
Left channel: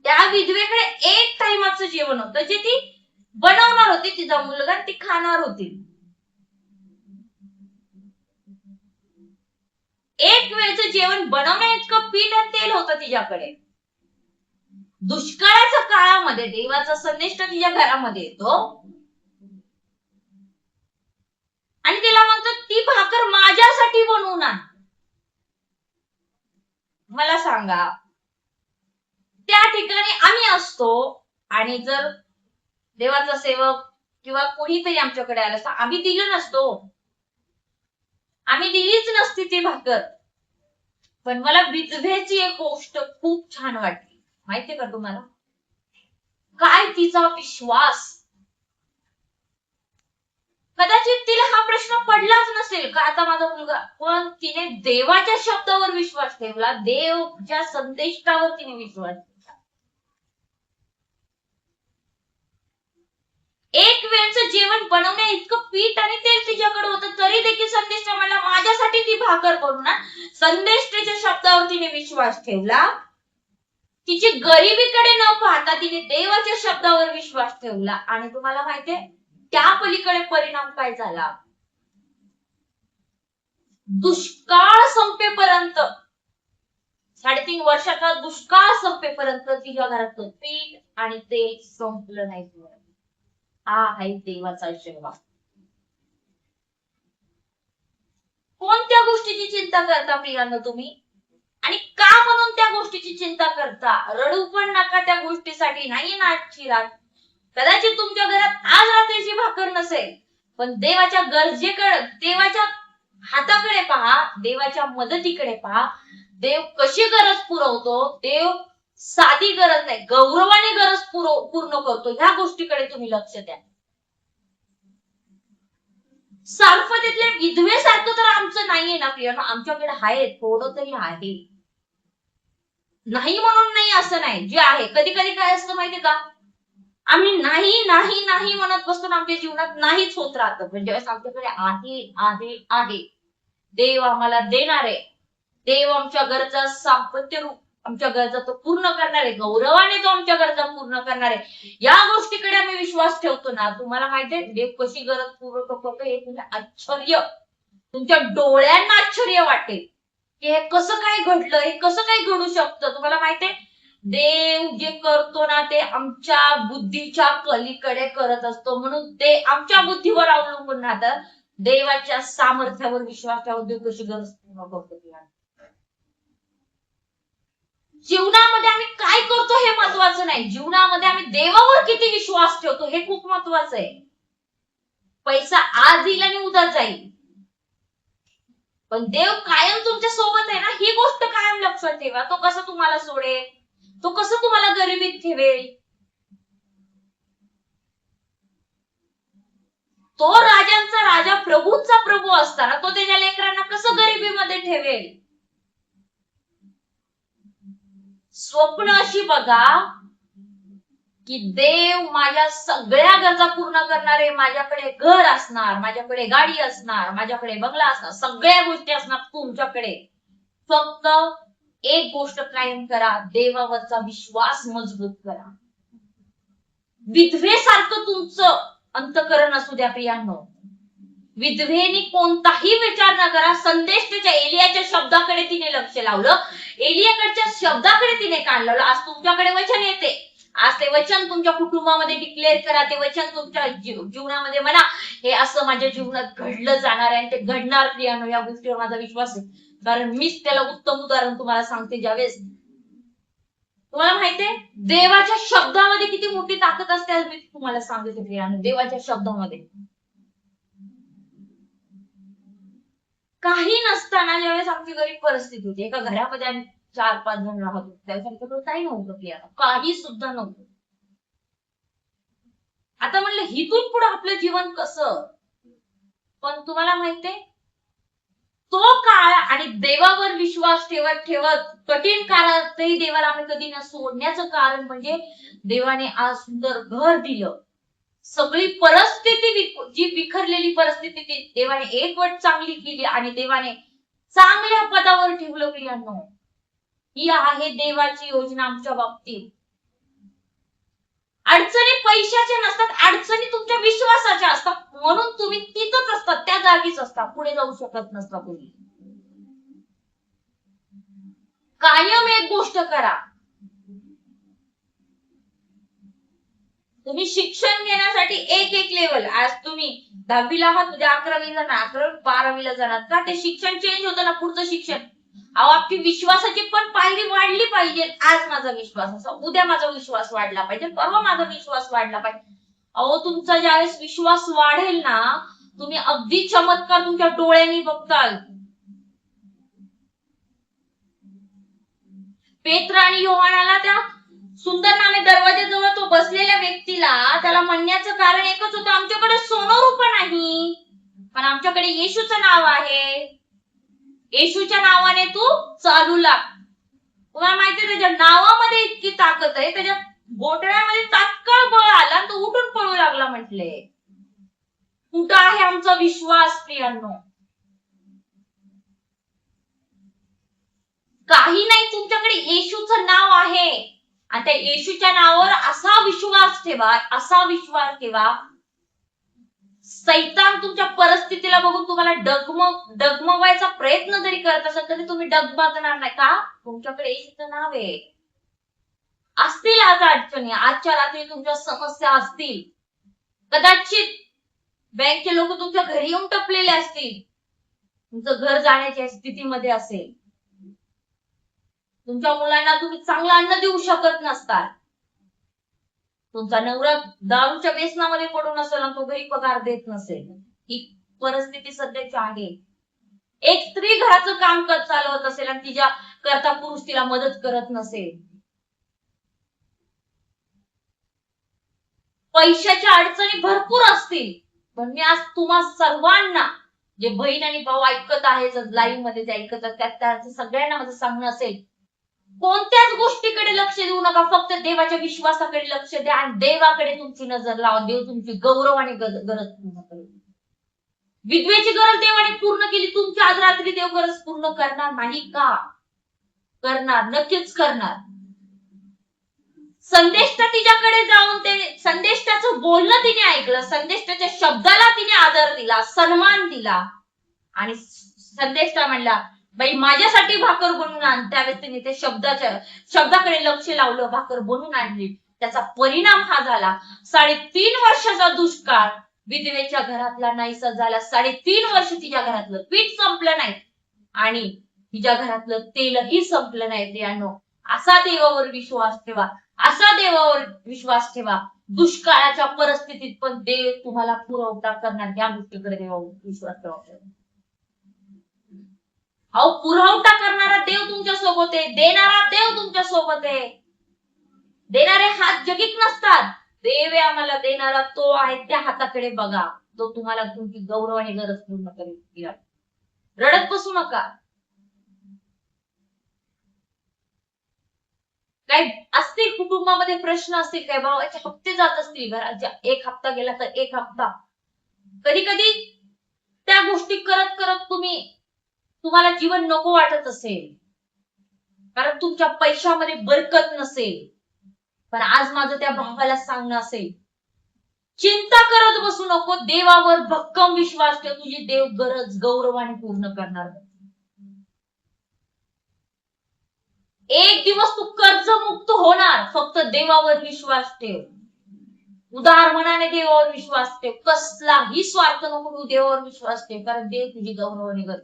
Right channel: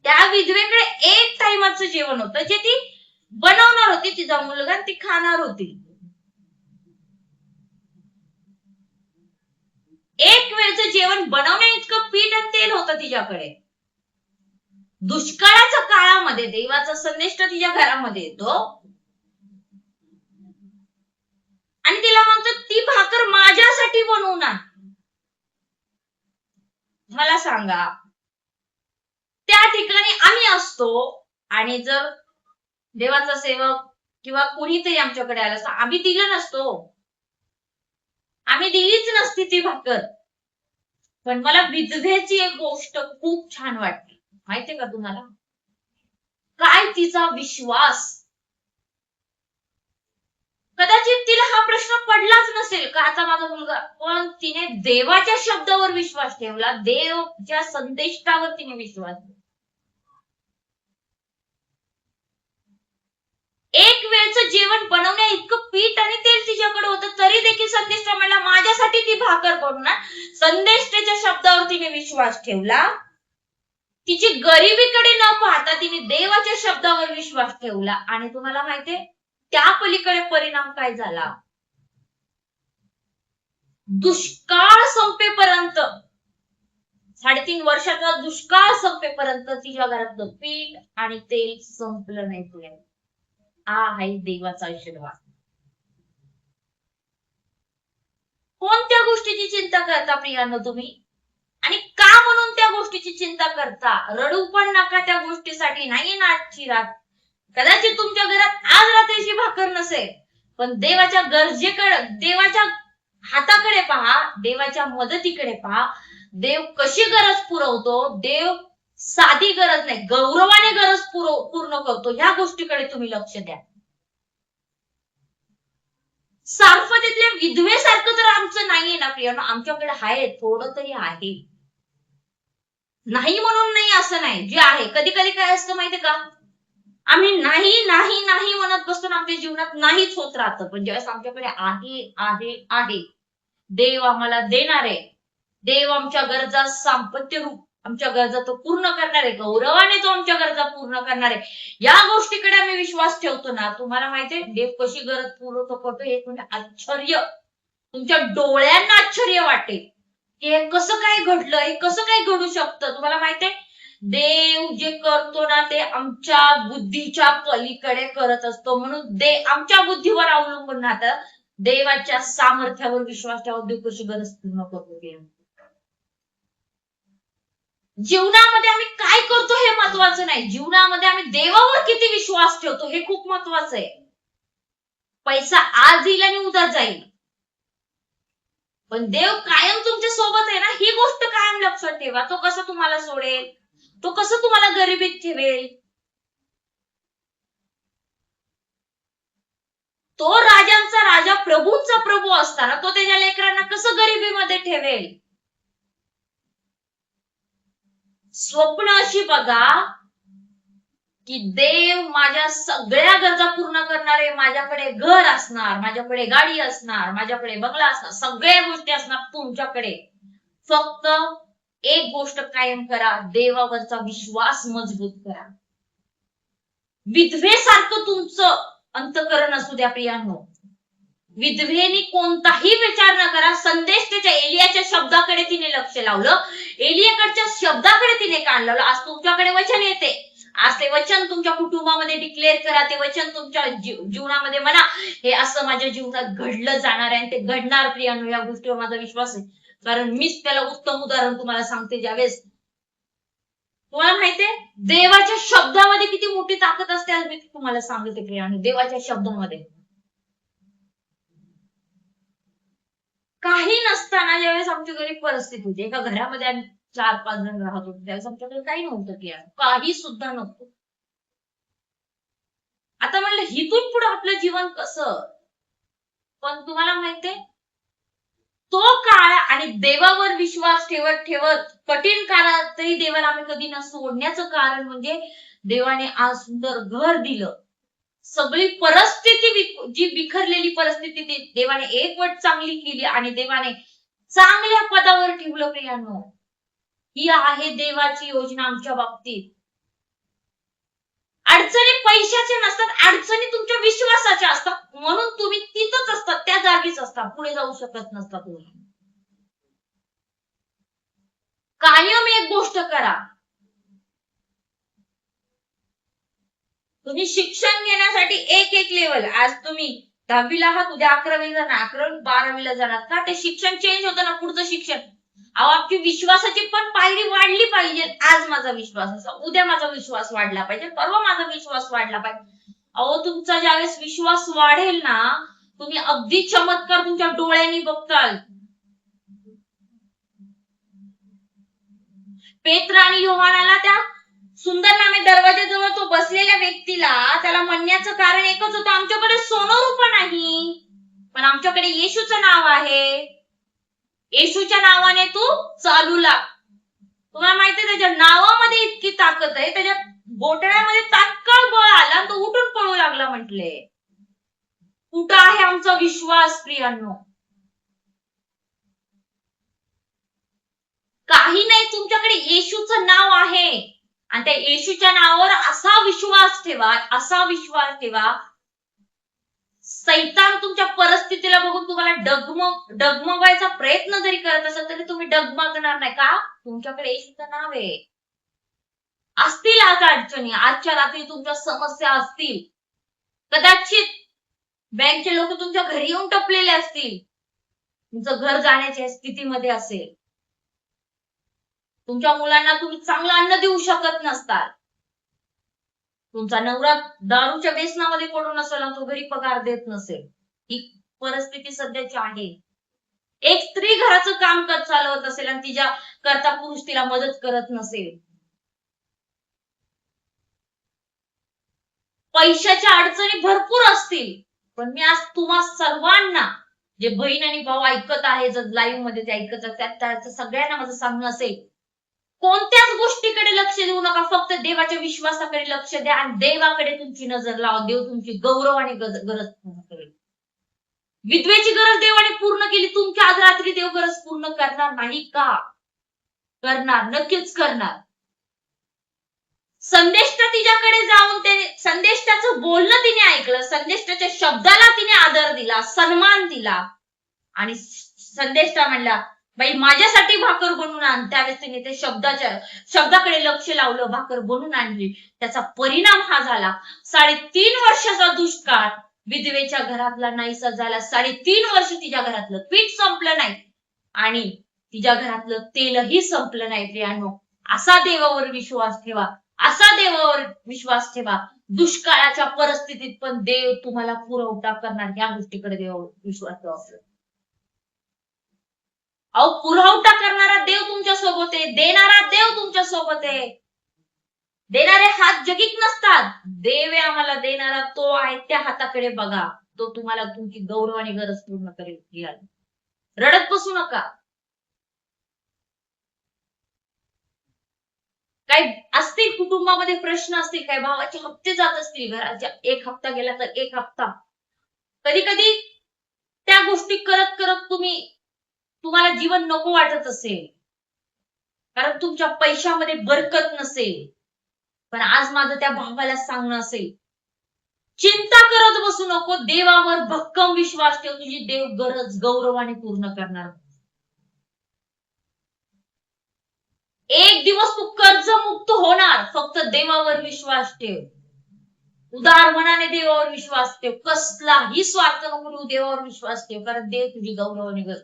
त्या विधवेकडे एक टाइमाचं जेवण होतं जे ती बनवणार होती, तिचा मुलगा ती खाणार होती. एक वेळचं जेवण बनवण्या इतकं पीठ आणि तेल होतं तिच्याकडे. दुष्काळाच्या काळामध्ये देवाचा संदेश तिच्या घरामध्ये येतो आणि तिला म्हणतो ती भाकर माझ्यासाठी बनवून आण. मला सांगा, त्या ठिकाणी आम्ही असतो आणि जर देवाचा सेवक किंवा कोणीतरी आमच्याकडे आलं असतं, आम्ही दिलं नसतो, आम्ही दिलीच नसती ती भाकर. पण मला विधवेची एक गोष्ट खूप छान वाटली, माहितीये का तुम्हाला? काय तिचा विश्वास. कदाचित तिला हा प्रश्न पडलाच नसेल का आता माझा मुलगा, पण तिने देवाच्या शब्दावर विश्वास ठेवला, देवच्या संदेशावर तिने विश्वास ठेवला. एक वेळचं जेवण बनवण्या इतकं पीठ आणि तेल तिच्याकडे होतं, तरी देखील संदेष्टा म्हणला माझ्यासाठी ती भाकर करून आण. संदेष्टाच्या शब्दावर तिने विश्वास ठेवला. तिची गरिबीकडे न पाहता तिने देवाच्या शब्दावर विश्वास ठेवला. आणि तुम्हाला माहितीये त्या पलीकडे परिणाम काय झाला? दुष्काळ संपेपर्यंत, 3.5 वर्षाचा दुष्काळ संपेपर्यंत तिच्या घरातलं पीठ आणि तेल संपलं नाही. हा आहे देवाचा आशीर्वाद. कोणत्या गोष्टीची चिंता करता प्रियांनो तुम्ही? आणि का म्हणून त्या गोष्टीची चिंता करता? रडू पण नका त्या गोष्टीसाठी. नाही ना आजची रात, कदाचित तुमच्या घरात आज रात्रीची भाकर नसेल, पण देवाच्या गरजेकडे, देवाच्या हाताकडे पहा, देवाच्या मदतीकडे पहा. देव कशी गरज पुरवतो. देव साधी गरज नाही, गौरवाने गरज पूर्ण करतो. ह्या गोष्टीकडे तुम्ही लक्ष द्या. सारफतेतल्या विधवेसारखं तर आमचं नाहीये ना प्रियांनो, आमच्याकडे आहे, थोडं तरी आहे. नाही म्हणून नाही असं नाही, जे आहे. कधी कधी काय असतं माहितीये का, आम्ही नाही नाही नाही म्हणत बसतो ना, आमच्या जीवनात नाहीच होत राहतं. पण ज्यावेळेस आमच्याकडे आहे आहे आहे, देव आम्हाला देणार आहे, देव आमच्या गरजा सातत्य रूप आमच्या गरजा तो पूर्ण करणार आहे, गौरवाने तो आमच्या गरजा पूर्ण करणार आहे, या गोष्टीकडे आम्ही विश्वास ठेवतो ना. तुम्हाला माहितीये देव कशी गरज पूर्ण करतो हे तुम्ही आश्चर्य, तुमच्या डोळ्यांना आश्चर्य वाटेल की हे कसं काय घडलं, हे कसं काय घडू शकतं. तुम्हाला माहितीये देव जे करतो ना ते आमच्या बुद्धीच्या पलीकडे करत असतो. म्हणून आमच्या बुद्धीवर अवलंबून राहतं. देवाच्या सामर्थ्यावर विश्वास ठेवा, देव कशी गरज पूर्ण करतो. जीवनामध्ये आम्ही काय करतो हे महत्वाचं नाही, जीवनामध्ये आम्ही देवावर किती विश्वास ठेवतो हे खूप महत्वाचं आहे. पैसा आज येईल आणि उद्या जाईल, पण देव कायम तुमच्या सोबत आहे ना, ही गोष्ट कायम लक्षात ठेवा. तो कसं तुम्हाला सोडेल, तो कसं तुम्हाला गरिबीत ठेवेल. तो राजांचा राजा, प्रभूंचा प्रभू असताना तो त्याच्या लेकरांना कसं गरिबीमध्ये ठेवेल. स्वप्न अशी बघा की देव माझ्या सगळ्या गरजा पूर्ण करणारे, माझ्याकडे घर असणार, माझ्याकडे गाडी असणार, माझ्याकडे बंगला असणार, सगळ्या गोष्टी असणार तुमच्याकडे. फक्त एक गोष्ट कायम करा, देवावरचा विश्वास मजबूत करा. विधवेसारखं तुमचं अंतःकरण असू द्या प्रियांनो. विधवेने कोणताही विचार न करा, संदेश त्याच्या एलियाच्या शब्दाकडे तिने लक्ष लावलं, एलियाकडच्या शब्दाकडे तिने कान लावलं. आज तुमच्याकडे वचन येते, आज ते वचन तुमच्या कुटुंबामध्ये डिक्लेअर करा, ते वचन तुमच्या जीवनामध्ये म्हणा, हे असं माझ्या जीवनात घडलं जाणार आहे आणि ते घडणार प्रियांनो. या गोष्टीवर माझा विश्वास आहे, कारण मीच त्याला उत्तम उदाहरण तुम्हाला सांगते. ज्यावेळेस तुम्हाला माहितीये देवाच्या शब्दामध्ये किती मोठी ताकद असते, आज मी तुम्हाला सांगते प्रियांनो. देवाच्या शब्दामध्ये काही नसताना ज्यावेळेस आमची गरीब परिस्थिती होती, एका घरामध्ये आम्ही 4-5 जण राहत होतो, त्यावेळेस आमच्याकडे काही नव्हतं प्रियांनो, काही सुद्धा नव्हतं. आता म्हणलं हिथून पुढे आपलं जीवन कसं, पण तुम्हाला माहितीये तो काळ आणि देवावर विश्वास ठेवत ठेवत कठीण काळातही देवाला आम्ही कधी न सोडण्याचं कारण म्हणजे देवाने आज सुंदर घर दिलं. सगळी परिस्थिती जी बिखरलेली परिस्थिती ती देवाने एकवट चांगली केली आणि देवाने चांगल्या पदावर ठेवलं प्रियांनो. ही आहे देवाची योजना आमच्या बाबतीत. अडचणी पैशाच्या नसतात, अडचणी तुमच्या विश्वासाच्या असतात, म्हणून तुम्ही तिथंच असतात, त्या जागीच असतात, पुढे जाऊ शकत नसता तुम्ही. कायम एक गोष्ट करा, तुम्ही शिक्षण घेण्यासाठी एक लेवल, आज तुम्ही 10वीला आहात, उद्या 11वीला जाणार, 11वी 12वीला जाणार का? ते शिक्षण चेंज होतं ना, पुढचं शिक्षण. अहो, आपली विश्वासाची पण पायरी वाढली पाहिजे. आज माझा विश्वास असा, उद्या माझा विश्वास वाढला पाहिजे, परवा माझा विश्वास वाढला पाहिजे. अहो, तुमचा ज्यावेळेस विश्वास वाढेल ना, तुम्ही अगदी चमत्कार तुमच्या डोळ्यांनी बघताल. पेत्र आणि योहानाला त्या सुंदर नामे दरवाजाजवळ तो बसलेल्या व्यक्तीला त्याला म्हणण्याचं कारण एकच होतं, आमच्याकडे सोनं रुपं नाही, पण आमच्याकडे येशूचं नाव आहे. येशूच्या नावाने तू चालू लाग. तुम्हाला माहितीये त्याच्या नावामध्ये इतकी ताकद आहे, त्याच्या घोटण्यामध्ये तात्काळ बळ आला आणि तो उठून पळू लागला म्हटले. कुठं आहे आमचा विश्वास प्रियांनो? काही नाही, तुमच्याकडे येशूचं नाव आहे आणि त्या येशूच्या नावावर असा विश्वास ठेवा, असा विश्वास ठेवा. सैतान तुमच्या परिस्थितीला बघून तुम्हाला डगमगायचा प्रयत्न जरी करत असाल तरी तुम्ही डगमगणार नाही. का? तुमच्याकडे येशूचं नाव आहे. असतील आज अडचणी, आजच्या रात्री तुमच्या समस्या असतील, कदाचित बँकचे लोक तुमच्या घरी येऊन टपलेले असतील, तुमचं घर जाण्याच्या स्थितीमध्ये असेल, तुमच्या मुलांना तुम्ही चांगलं अन्न देऊ शकत नसताल, तुमचा नवरा दारूच्या व्यसनामध्ये पडून असेल आणि तो घरी पगार देत नसेल, ही परिस्थिती सध्याची आहे. एक स्त्री घराचं काम चालवत असेल आणि तिच्या करता पुरुष तिला मदत करत नसेल, पैशाच्या अडचणी भरपूर असतील, पण मी आज तुम्हा सर्वांना, जे बहीण आणि भाऊ ऐकत आहे, जर लाईव्ह मध्ये ते ऐकत असतात, त्याचं सगळ्यांना माझं सांगणं असेल, कोणत्याच गोष्टीकडे लक्ष देऊ नका, फक्त देवाच्या विश्वासाकडे लक्ष द्या आणि देवाकडे तुमची नजर लावा. देव तुमची गौरवाने गरज पूर्ण करेल. विधवेची गरज देवाने पूर्ण केली, तुमच्या आज रात्री देव गरज पूर्ण करणार नाही का? करणार, नक्कीच करणार. संदेष्टा तिच्याकडे जाऊन ते संदेष्टाचं बोलणं तिने ऐकलं, संदेष्टाच्या शब्दाला तिने आदर दिला, सन्मान दिला आणि संदेष्टा म्हणला, बाई माझ्यासाठी भाकर बनवून आण. त्यावेळेस तिने ते शब्दाकडे लक्ष लावलं, भाकर बनवून आणली. त्याचा परिणाम हा झाला, 3.5 वर्षाचा दुष्काळ विधवेच्या घरातला नाहीसा झाला. 3.5 वर्ष तिच्या घरातलं पीठ संपलं नाही आणि तिच्या घरातलं तेलही संपलं नाही. प्रियांनो, असा देवावर विश्वास ठेवा, असा देवावर विश्वास ठेवा. दुष्काळाच्या परिस्थितीत पण देव तुम्हाला पुरवठा करणार, या गोष्टीकडे देवावर विश्वास ठेवा. अहो, पुरवठा करणारा देव तुमच्या सोबत आहे, देणारा देव तुमच्या सोबत आहे. देणारे हात जगीत नसतात, देव आहे आम्हाला देणारा, तो आहे. त्या हाताकडे बघा, तो तुम्हाला तुमची गौरवाने गरज पूर्ण करेल. रडत बसू नका. काही असतील कुटुंबामध्ये प्रश्न असतील, काही भावाचे हप्ते जात असतील, घराच्या एक हप्ता गेला तर एक हप्ता, कधी कधी त्या गोष्टी करत करत तुम्हाला जीवन नको वाटत असेल, कारण तुमच्या पैशामध्ये बरकत नसेल. पण आज माझं त्या भावाला सांगणं असेल, चिंता करत बसू नको, देवावर भक्कम विश्वास ठेव, तुझी देव गरज गौरवाने पूर्ण करणार. एक दिवस तू कर्जमुक्त होणार, फक्त देवावर विश्वास ठेव. उदार मनाने देवावर विश्वास ठेव, कसलाही स्वार्थ नको, देवावर विश्वास ठेव, कारण देव तुझी गौरवाने गरज.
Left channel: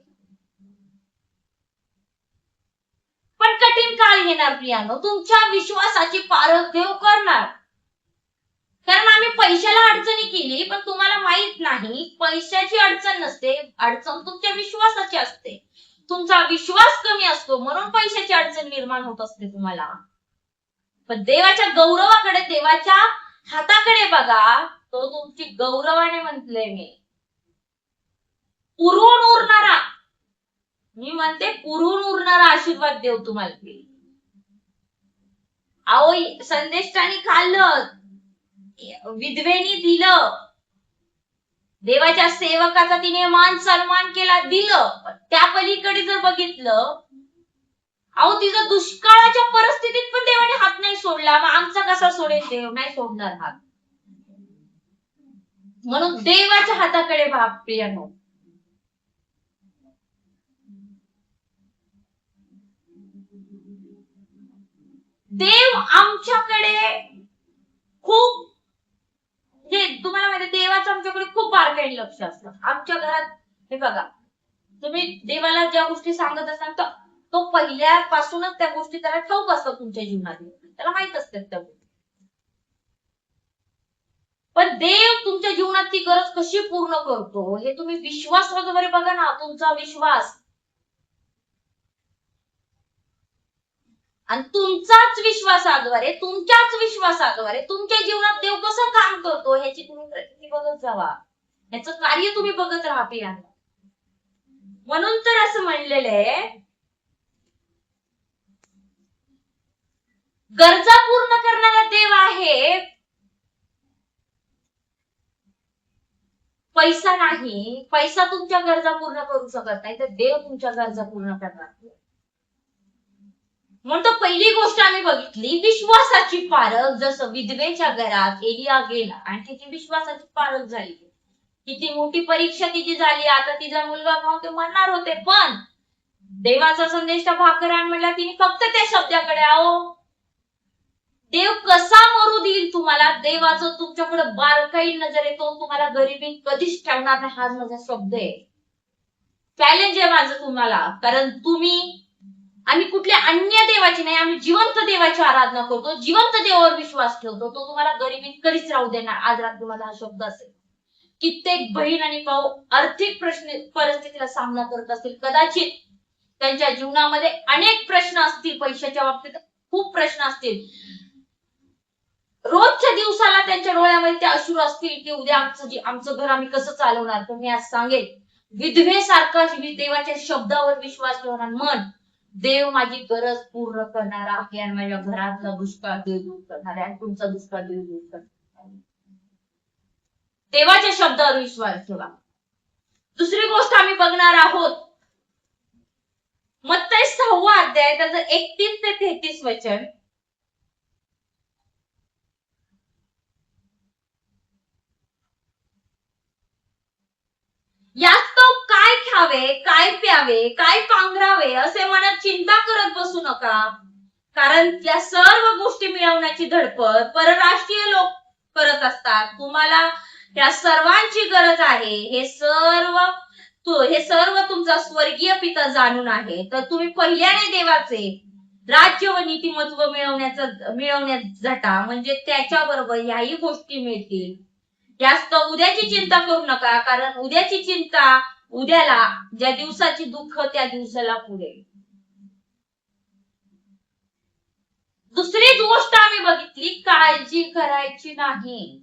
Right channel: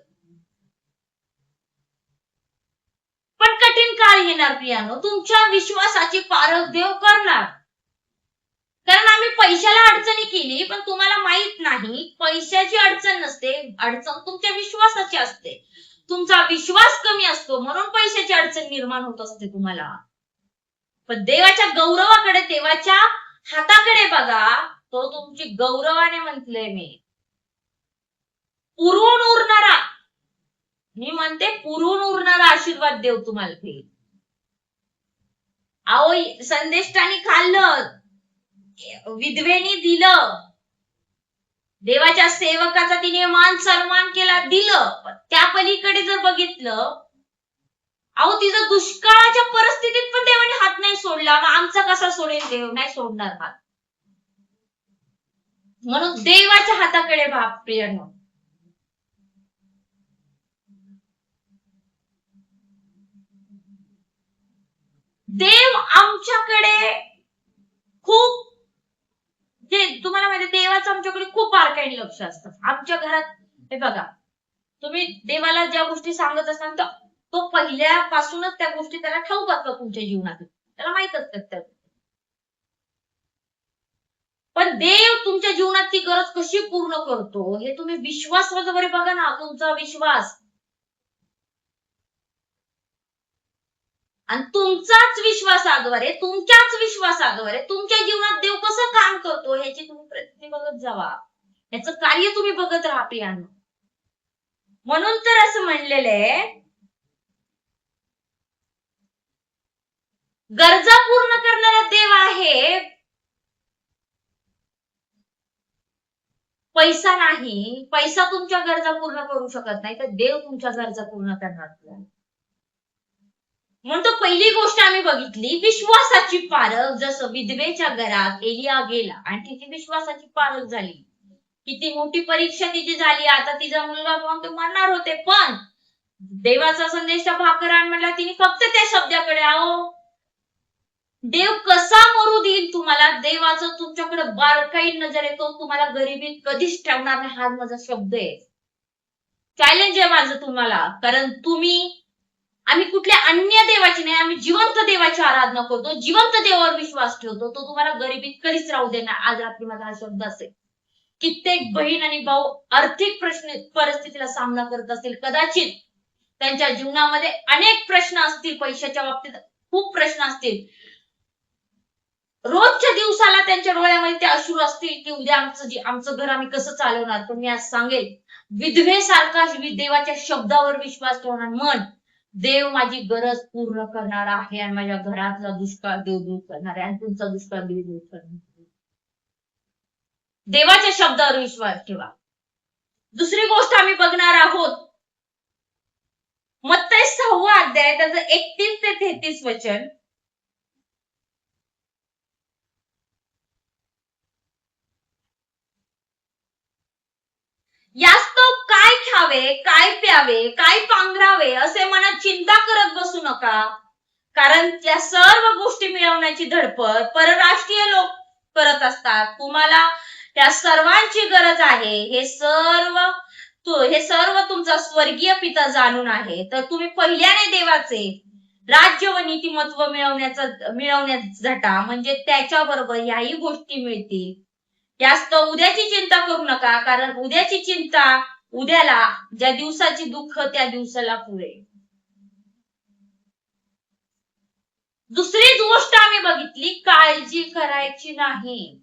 पण कठीण काळ येणार प्रियांनो, तुमच्या विश्वासाची पारख देव करणार. कारण आम्ही पैशाला अडचणी केली, पण तुम्हाला माहित नाही, पैशाची अडचण नसते, अडचण तुमच्या विश्वासाची असते. तुमचा विश्वास कमी असतो म्हणून पैशाची अडचण निर्माण होत असते तुम्हाला. पण देवाच्या गौरवाकडे, देवाच्या हाताकडे बघा, तो तुमची गौरवाने म्हटलंय मी, पुरून उरणारा, मी म्हणते पुरून उरणारा आशीर्वाद देव तुम्हाला देईल. अहो, संदेष्टाने खाल्लं, विधवेनी दिलं, देवाच्या सेवकाचा तिने मान सन्मान केला, दिलं. त्या पलीकडे जर बघितलं, अहो तिचं दुष्काळाच्या परिस्थितीत पण देवाने हात नाही सोडला, मग आमचा कसा सोडेल देव? नाही सोडणार हात. म्हणून देवाच्या हाताकडे भाग प्रियांनो. देव आमच्याकडे खूप, जे तुम्हाला माहिती, देवाचा देवाचं आमच्याकडे खूप बारकाईने लक्ष असतं. आमच्या घरात हे बघा, तुम्ही देवाला ज्या गोष्टी सांगत असाल तर तो पहिल्यापासूनच त्या गोष्टी त्याला ठाऊक असतात तुमच्या जीवनात, त्याला माहित असतात त्या गोष्टी. पण देव तुमच्या जीवनात ती गरज कशी पूर्ण करतो हे तुम्ही विश्वासाद्वारे बघा ना. तुमचा विश्वास आणि तुमच्याच विश्वासाद्वारे तुमच्या जीवनात देव कसं काम करतो ह्याची तुम्ही प्रतिक्रिया बघत जावा, याचं कार्य तुम्ही बघत राहा प्रियांनो. म्हणून तर असं म्हणलेलं आहे, गरजा पूर्ण करणारा देव आहे, पैसा नाही. पैसा तुमच्या गरजा पूर्ण करू शकत नाही, तर देव तुमच्या गरजा पूर्ण करणार. म्हणून तर पहिली गोष्ट आम्ही बघितली विश्वासाची पारख. जसं विधवेच्या घरात एलिया गेला आणि तिची विश्वासाची पारख झाली. किती मोठी परीक्षा तिची झाली. आता तिचा मुलगा पाहून ते मरणार होते, पण देवाचा संदेश भाकर आण म्हटला. तिने फक्त त्या शब्दाकडे, आहो देव कसा मरू देईल तुम्हाला, देवाचं तुमच्याकडे बारकाई नजर येतो, तुम्हाला गरिबीत कधीच ठेवणार नाही. हा माझा शब्द आहे, चॅलेंज आहे माझं तुम्हाला. कारण आम्ही कुठल्या अन्य देवाची नाही, आम्ही जिवंत देवाची आराधना करतो, जिवंत देवावर विश्वास ठेवतो. तो तुम्हाला गरिबीत कधीच राहू देणार. आज रात्री माझा हा शब्द असेल. कित्येक बहीण आणि भाऊ आर्थिक परिस्थितीला सामना करत असतील, कदाचित त्यांच्या जीवनामध्ये अनेक प्रश्न असतील, पैशाच्या बाबतीत खूप प्रश्न असतील, रोजच्या दिवसाला त्यांच्या डोळ्यामध्ये ते अश्रू असतील की उद्या आमचं घर आम्ही कसं चालवणार. पण मी आज सांगेल, विधवेसारखा देवाच्या शब्दावर विश्वास ठेवणार, मन देव माझी गरज पूर्ण करणार आहे आणि माझ्या घरातला दुष्काळ देव दूर करणार आहे आणि तुमचा दुष्काळ देव दूर करणार. देवाच्या शब्दावर विश्वास ठेवा. दुसरी गोष्ट आम्ही बघणार आहोत, मत्तई 6 अध्याय त्याचं 31 ते 33 वचन. यास्तव काय खावे, काय प्यावे, काय पांघरावे असे मनात चिंता करत बसू नका, कारण त्या सर्व गोष्टी मिळवण्याची धडपड परराष्ट्रीय लोक करत असतात. तुम्हाला त्या सर्वांची गरज आहे. हे सर्व तुमचा स्वर्गीय पिता जाणून आहे. तर तुम्ही पहिल्याने देवाचे राज्य व नीतिमत्व मिळवण्यात झटा, म्हणजे त्याच्याबरोबर याही गोष्टी मिळतील. जास्त उद्याची चिंता करू नका, कारण उद्याची चिंता उद्याला, ज्या दिवसाची दुःख त्या दिवसाला पुरे. दुसरीच गोष्ट आम्ही बघितली, काळजी करायची नाही.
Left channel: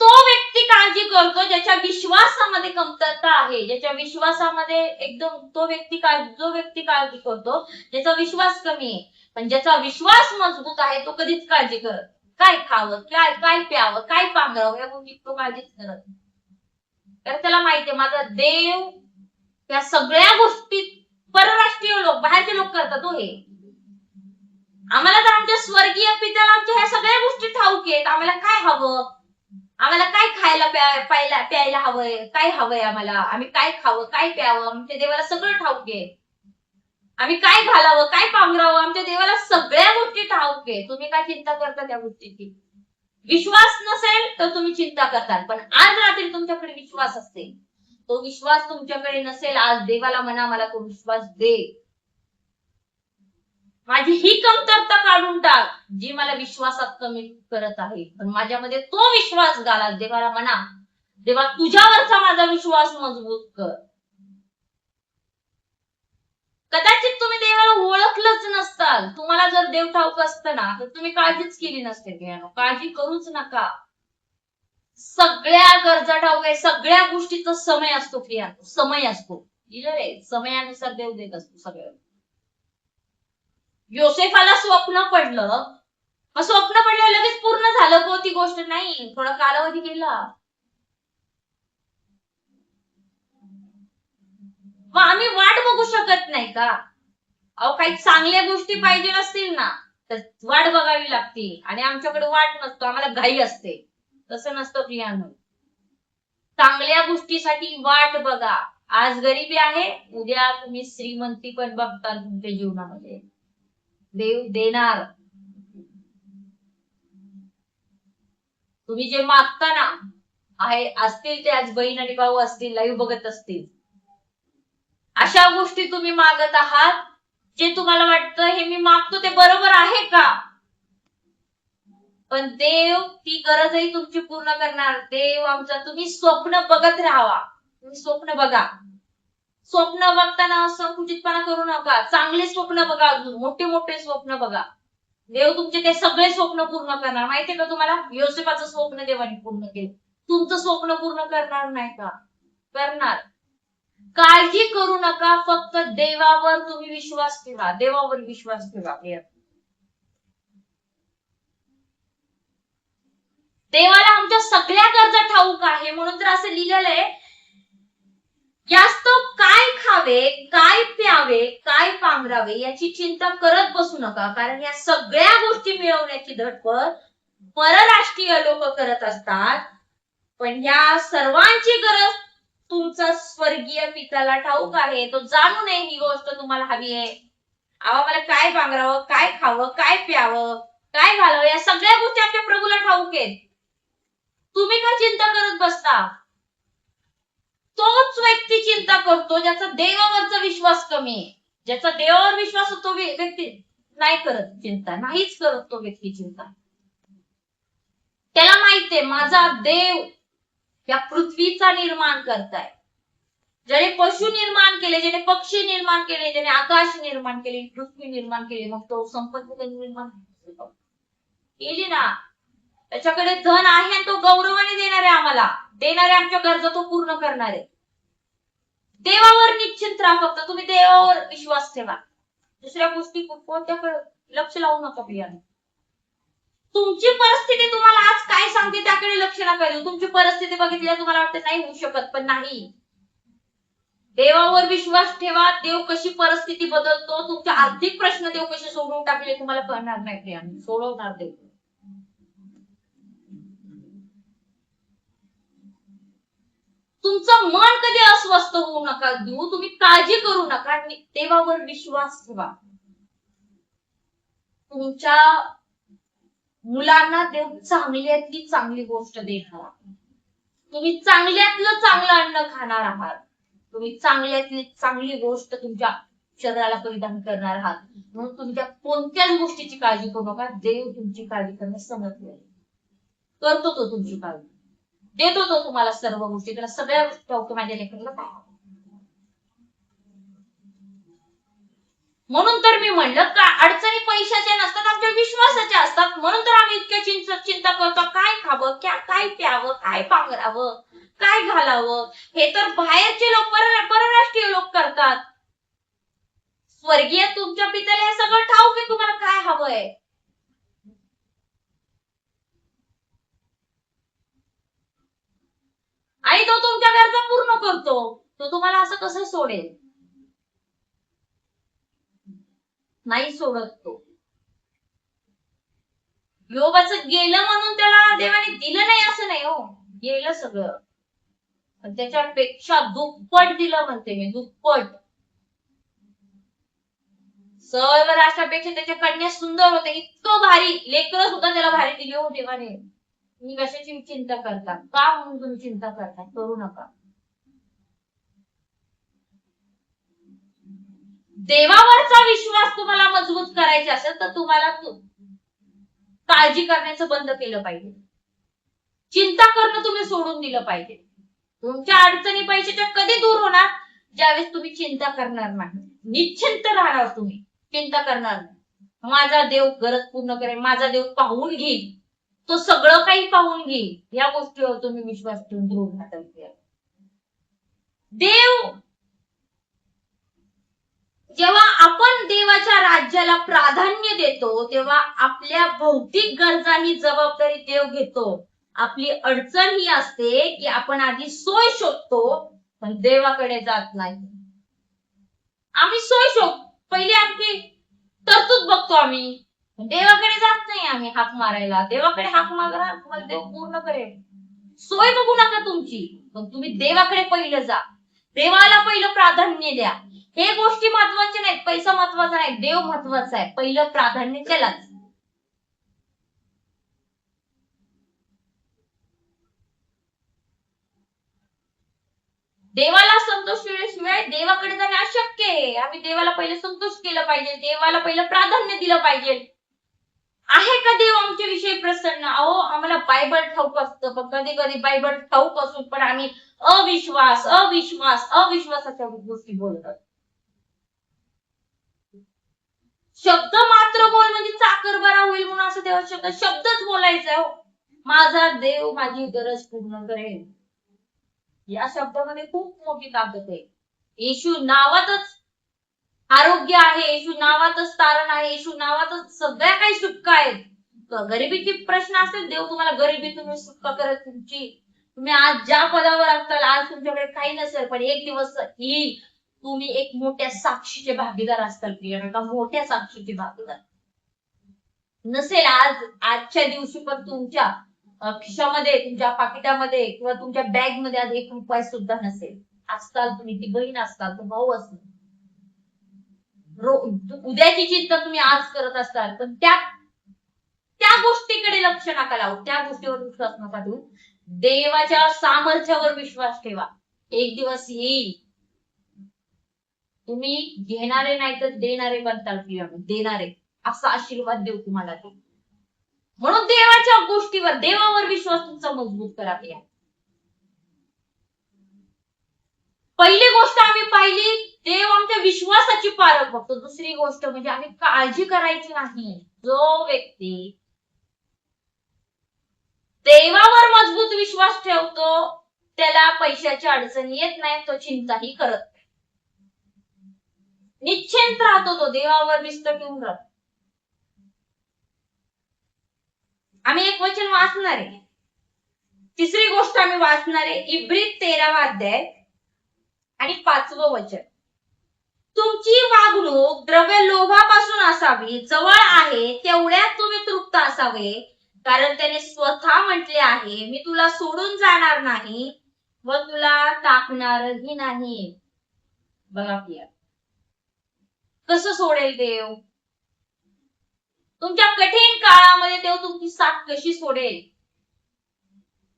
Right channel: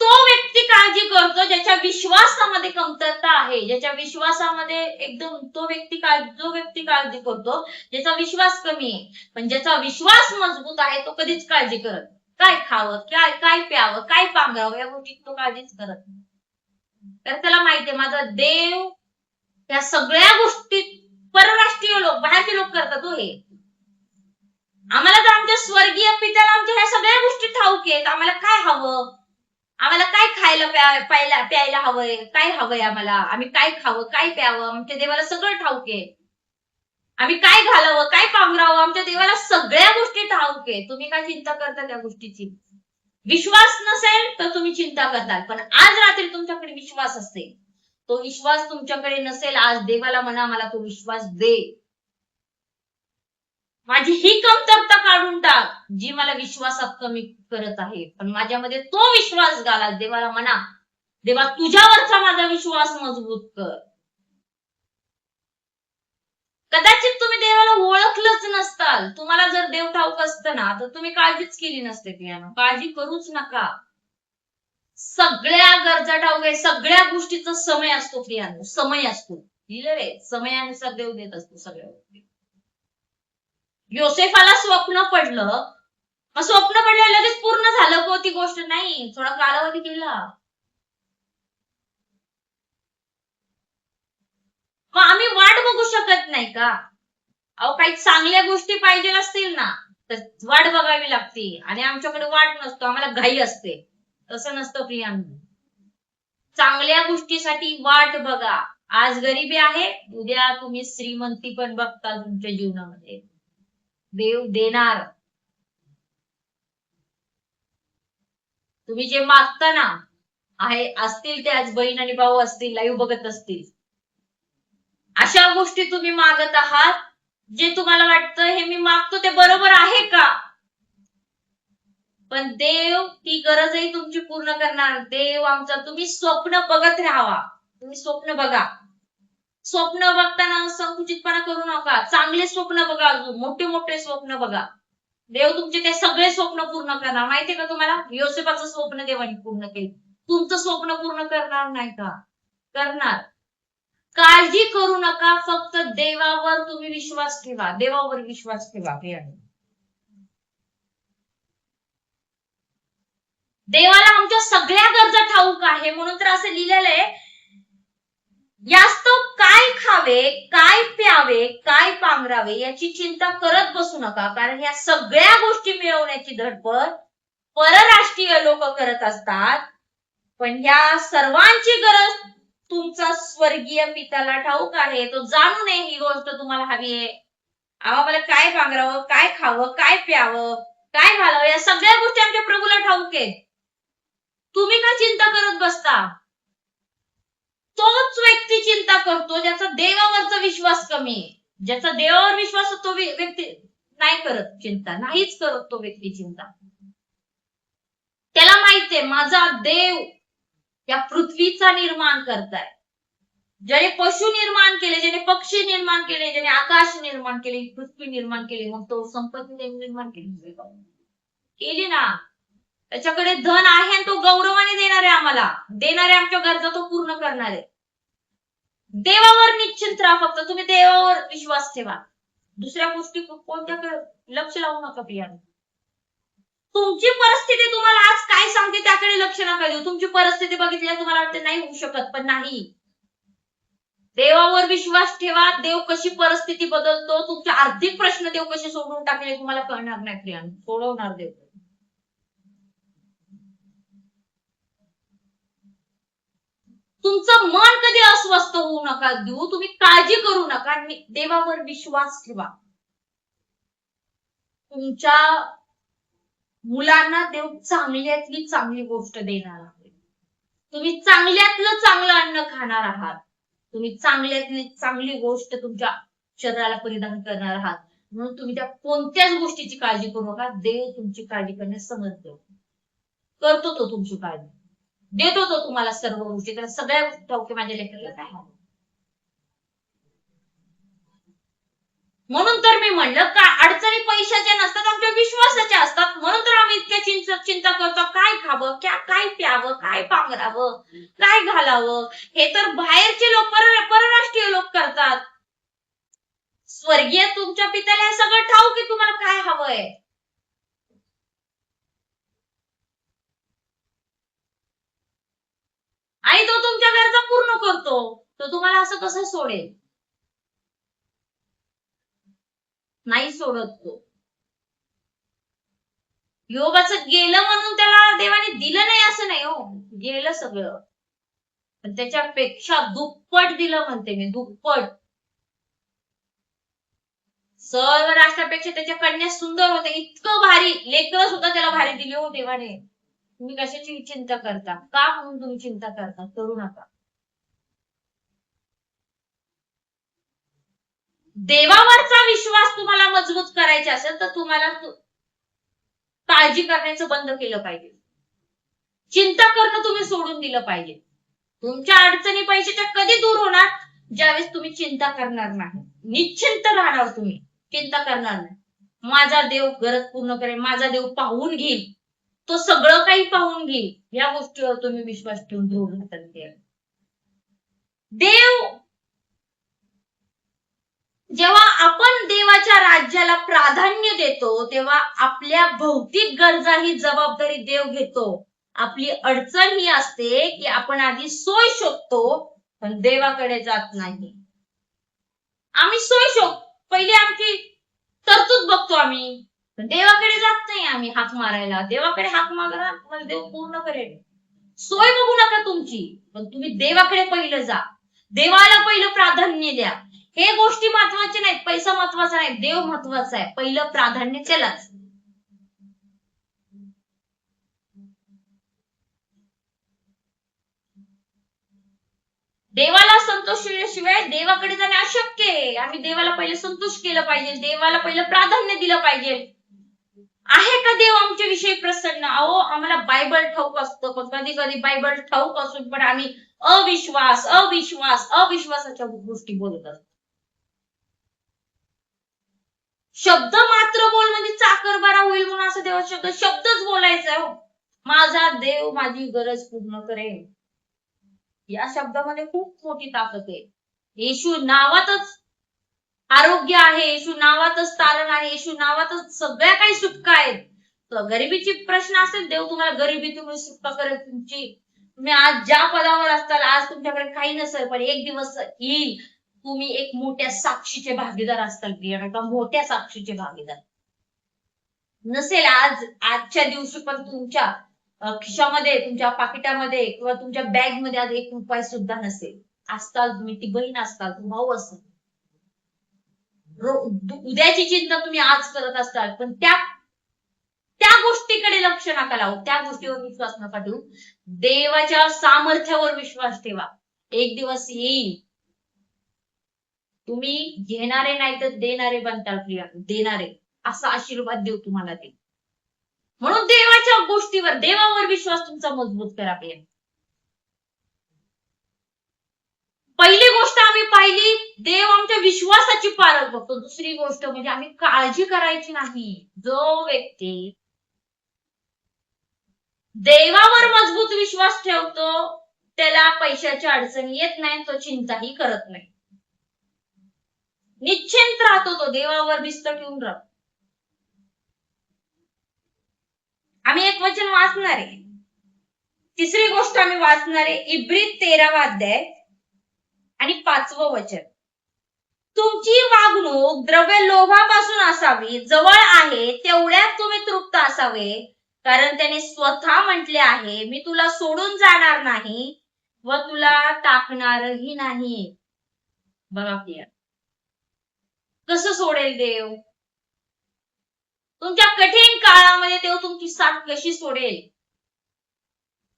तो व्यक्ती काळजी करतो ज्याच्या विश्वासामध्ये कमतरता आहे, ज्याच्या विश्वासामध्ये एकदम जो व्यक्ती काळजी करतो ज्याचा विश्वास कमी आहे. पण ज्याचा विश्वास मजबूत आहे तो कधीच काळजी करत, काय खावं, काय प्यावं, काय पांघरावं या गोष्टी तो काळजीच करत. तर त्याला माहितीये माझा देव या सगळ्या गोष्टी परराष्ट्रीय लोक, बाहेरचे लोक करतात. हो, हे आम्हाला तर आमच्या स्वर्गीय पित्याला आमच्या ह्या सगळ्या गोष्टी ठाऊक आहेत. आम्हाला काय हवं, आम्हाला काय खायला प्यायला हवंय, काय हवंय आम्हाला, आम्ही काय खावं, काय प्यावं, आमच्या देवाला सगळं ठाऊक आहे. आम्ही काय घालावं, काय पांघरावं, आमच्या देवाला सगळ्या गोष्टी ठाऊक आहे. तुम्ही काय चिंता करता त्या गोष्टीची? विश्वास नसेल तर तुम्ही चिंता करताल, पण आज रात्री तुमच्याकडे विश्वास असेल, तो विश्वास तुमच्याकडे नसेल, आज देवाला म्हणा मला तो विश्वास दे, माझी ही कमतरता काढून टाक जी मला विश्वासात कमी करत आहे, पण माझ्यामध्ये तो विश्वास घाला. देवाला म्हणा, देवा तुझ्यावरचा माझा विश्वास मजबूत कर. कदाचित तुम्ही देवाला ओळखलंच नसताल. तुम्हाला जर देव ठाऊक असतं ना तर तुम्ही काळजीच केली नसते. काळजी करूच नका. सगळ्या गरजा ठाऊक आहे, सगळ्या गोष्टीचा समय असतो प्रियांनो, समय असतो. लिहिलं रे, समयानुसार देव देत असतो सगळ्या. योसेफाला स्वप्न पडलं, मग स्वप्न पडल्यावर लगेच पूर्ण झालं को ती गोष्ट नाही, थोडा कालावधी गेला. मग आम्ही वाट बघू शकत नाही का? अहो, काही चांगल्या गोष्टी पाहिजे असतील ना तर वाट बघावी लागते, आणि आमच्याकडे वाट नसतो, आम्हाला घाई असते. तसं नसतं प्रियांनो. चांगल्या गोष्टीसाठी वाट बघा. आज गरिबी आहे, उद्या तुम्ही श्रीमंती पण बघताल तुमच्या जीवनामध्ये. देव देणार. तुम्ही जे मागता ना, आहे असतील ते आज बहीण आणि भाऊ असतील, लाईव्ह बघत असतील, अशा गोष्टी तुम्ही मागत आहात जे तुम्हाला वाटतं हे मी मागतो ते बरोबर आहे का? पण देव ती गरजही तुमची पूर्ण करणार. देव आमचा, तुम्ही स्वप्न बघत राहावा. तुम्ही स्वप्न बघा. स्वप्न बघताना संकुचितपणा करू नका. चांगले स्वप्न बघा, अजून मोठे मोठे स्वप्न बघा. देव तुमचे ते सगळे स्वप्न पूर्ण करणार. माहितीये का तुम्हाला? योसेफाचं स्वप्न देवाने पूर्ण केलं. तुमचं स्वप्न पूर्ण करणार नाही का? करणार. काळजी करू नका, फक्त देवावर तुम्ही विश्वास ठेवा. देवावर विश्वास ठेवा. देवाला आमच्या सगळ्या गरजा ठाऊक आहे, म्हणून तर असं लिहिलेलं आहे, यास्तव काय खावे, काय प्यावे, काय पांघरावे याची चिंता करत बसू नका, कारण या सगळ्या गोष्टी मिळवण्याची धडपड परराष्ट्रीय लोक करत असतात, पण या सर्वांची गरज तुमचा स्वर्गीय पित्याला ठाऊक आहे. तो जाणू नये ही गोष्ट तुम्हाला हवी आहे. आम्हाला काय पांघरावं, काय खावं, काय प्यावं, काय घालावं, या सगळ्या गोष्टी आमच्या प्रभूला ठाऊक आहेत. तुम्ही का चिंता करत बसता? तोच व्यक्ती चिंता करतो ज्याचा देवावरचा विश्वास कमी आहे. ज्याचा देवावर विश्वास तो व्यक्ती नाही करत चिंता, नाहीच करत तो व्यक्ती चिंता. त्याला माहितीये माझा देव या पृथ्वीचा निर्माण करताय. ज्याने पशु निर्माण केले, ज्याने पक्षी निर्माण केले, ज्याने आकाश निर्माण केले, पृथ्वी निर्माण केली, मग तो संपत्ती त्यांनी निर्माण केली ना. त्याच्याकडे धन आहे आणि तो गौरवाने देणार आहे, आम्हाला देणार आहे, आमच्या गरजा तो पूर्ण करणार आहे. देवावर निश्चिंत राहा, फक्त तुम्ही देवावर विश्वास ठेवा. दुसऱ्या गोष्टी कोणत्या लक्ष लावू नका प्रियाने. तुमची परिस्थिती तुम्हाला आज काय सांगते त्याकडे लक्ष नका देऊ. तुमची परिस्थिती बघितल्यावर तुम्हाला वाटते नाही होऊ शकत, पण नाही. देवावर विश्वास ठेवा. देव कशी परिस्थिती बदलतो, तुमचे आर्थिक प्रश्न देव कसे सोडवून टाकले तुम्हाला कळणार नाही प्रियाने. सोडवणार देव. तुमचं मन कधी अस्वस्थ होऊ नका देऊ. तुम्ही काळजी करू नका. देवावर विश्वास ठेवा. तुमच्या मुलांना देव चांगल्यातली चांगली गोष्ट देणार आहे. तुम्ही चांगल्यातलं चांगलं अन्न खाणार आहात. तुम्ही चांगल्यातली चांगली गोष्ट तुमच्या शरीराला परिधान करणार आहात. म्हणून तुम्ही त्या कोणत्याच गोष्टीची काळजी करू नका. देव तुमची काळजी करण्यास समर्थ करतो. तो तुमची काळजी देतो. तो तुम्हाला सर्व गोष्टी, त्याला सगळ्या गोष्टी ठाऊक. माझ्या लेकराला काय हवं. म्हणून तर मी म्हणलं का अडचणी पैशाच्या नसतात, आमच्या विश्वासाच्या असतात. म्हणून तर आम्ही इतक्या चिंता करतो. काय खावं, काय प्यावं, काय पांघरावं, काय घालावं. हे तर बाहेरचे लोक, परराष्ट्रीय लोक करतात. स्वर्गीय तुमच्या पित्याला हे सगळं ठाऊक आहे तुम्हाला काय हवंय. आणि तो तुमच्या गरजा पूर्ण करतो. तो तुम्हाला असं कसं सोडेल? नाही सोडत तो. योबाचं गेलं म्हणून त्याला देवाने दिलं नाही असं नाही हो, गेलं सगळं, पण त्याच्यापेक्षा दुप्पट दिलं म्हणते मी, दुप्पट. सर्व राष्ट्रापेक्षा त्याच्या कन्या सुंदर होते, इतकं भारी लेकरं सुद्धा त्याला भारी दिली हो देवाने. तुम्ही कशाची चिंता करता? का म्हणून तुम्ही चिंता करता? करू नका. देवावरचा विश्वास तुम्हाला मजबूत करायचा असेल तर तुम्हाला काळजी करण्याचं बंद केलं पाहिजे. चिंता करणं तुम्ही सोडून दिलं पाहिजे. तुमच्या अडचणी पैशाच्या कधी दूर होणार? ज्यावेळेस तुम्ही चिंता करणार नाही. निश्चिंत राहणार, तुम्ही चिंता करणार नाही. माझा देव गरज पूर्ण करेल, माझा देव पाहून घेईल, तो सगळं काही पाहून घेईल. या गोष्टीवर तुम्ही विश्वास ठेवून दूर राहतात. देव जेव्हा आपण देवाच्या राज्याला प्राधान्य देतो तेव्हा आपल्या भौतिक गरजा ही जबाबदारी देव घेतो. आपली अडचण ही असते की आपण आधी सोय शोधतो पण देवाकडे जात नाही. आम्ही सोय शोध, पहिले आमची तरतूद बघतो आम्ही, पण देवाकडे जात नाही आम्ही हाक मारायला. देवाकडे हाक मारा, तुम्हाला देव पूर्ण करेल. सोय बघू नका तुमची, पण तुम्ही देवाकडे पहिलं जा. देवाला पहिलं प्राधान्य द्या. हे गोष्टी महत्वाच्या नाहीत, पैसा महत्वाचा नाही, देव महत्वाचा आहे. पहिलं प्राधान्य त्यालाच. देवाला संतोष शिवाय देवाकडे जाणे अशक्य आहे. आम्ही देवाला पहिले संतोष केलं पाहिजे, देवाला पहिलं प्राधान्य दिलं पाहिजे. आहे का देव आमच्या विषयी प्रसन्न? अहो, आम्हाला बायबल ठाऊक असतं, पण कधी कधी बायबल ठाऊक असून पण आम्ही अविश्वासाच्या गोष्टी बोलत असतो. शब्द मात्र बोल म्हणजे चाकर बरा होईल म्हणून असं देवाचा शब्दच बोलायचा आहे. माझा देव माझी गरज पूर्ण करेल. या शब्दामध्ये खूप मोठी ताकद आहे. येशू नावातच आरोग्य आहे, येशू नावातच तारण आहे, येशू नावातच सगळ्या काही सुटका आहेत. गरिबीची प्रश्न असेल, देव तुम्हाला गरिबीतून सुटका करेल. तुम्ही आज ज्या पदावर असताल, आज तुमच्याकडे काही नसेल, पण एक दिवस येईल तुम्ही एक मोठ्या साक्षीचे भागीदार असताल. प्रिया, मोठ्या साक्षीचे भागीदार नसेल आजच्या दिवशी, पण तुमच्या खिशामध्ये, तुमच्या पाकिटामध्ये किंवा तुमच्या बॅग मध्ये आज 1 रुपया सुद्धा नसेल. असताल तुम्ही, ती बहीण असताल, तो भाऊ असताल. उद्याची चिंता तुम्ही आज करत असताल, पण त्या गोष्टीकडे लक्ष नका लावू, त्या गोष्टीवर विश्वास नका ठेवू. देवाच्या सामर्थ्यावर विश्वास ठेवा. एक दिवस येईल तुम्ही घेणारे नाही तर देणारे बनताल. प्रिया, देणारे असा आशीर्वाद देऊ तुम्हाला ते. म्हणून देवाच्या गोष्टीवर, देवावर विश्वास तुमचा मजबूत करा. प्रिया, पहिली गोष्ट आम्ही पाहिली, देव आमच्या विश्वासाची पारख बघतो. दुसरी गोष्ट म्हणजे आम्ही काळजी करायची नाही. जो व्यक्ती देवावर मजबूत विश्वास ठेवतो त्याला पैशाची अडचण येत नाही, तो चिंताही करत नाही, निश्चिंत राहतो, तो देवावर भिस्त ठेवून राहतो. आम्ही एक वचन वाचणार आहे. तिसरी गोष्ट आम्ही वाचणार आहे, इब्री 13वा अध्याय आणि 5वं वचन. तुमची वागणूक द्रव्य लोभापासून असावी, जवळ आहे तेवढ्यात तुम्ही तृप्त असावे, कारण त्याने स्वतः म्हटले आहे, मी तुला सोडून जाणार नाही व तुला टाकणारही नाही. बघा प्रिया, कसं सोडेल देव? तुमच्या कठीण काळामध्ये देव तुमची साथ कशी सोडेल?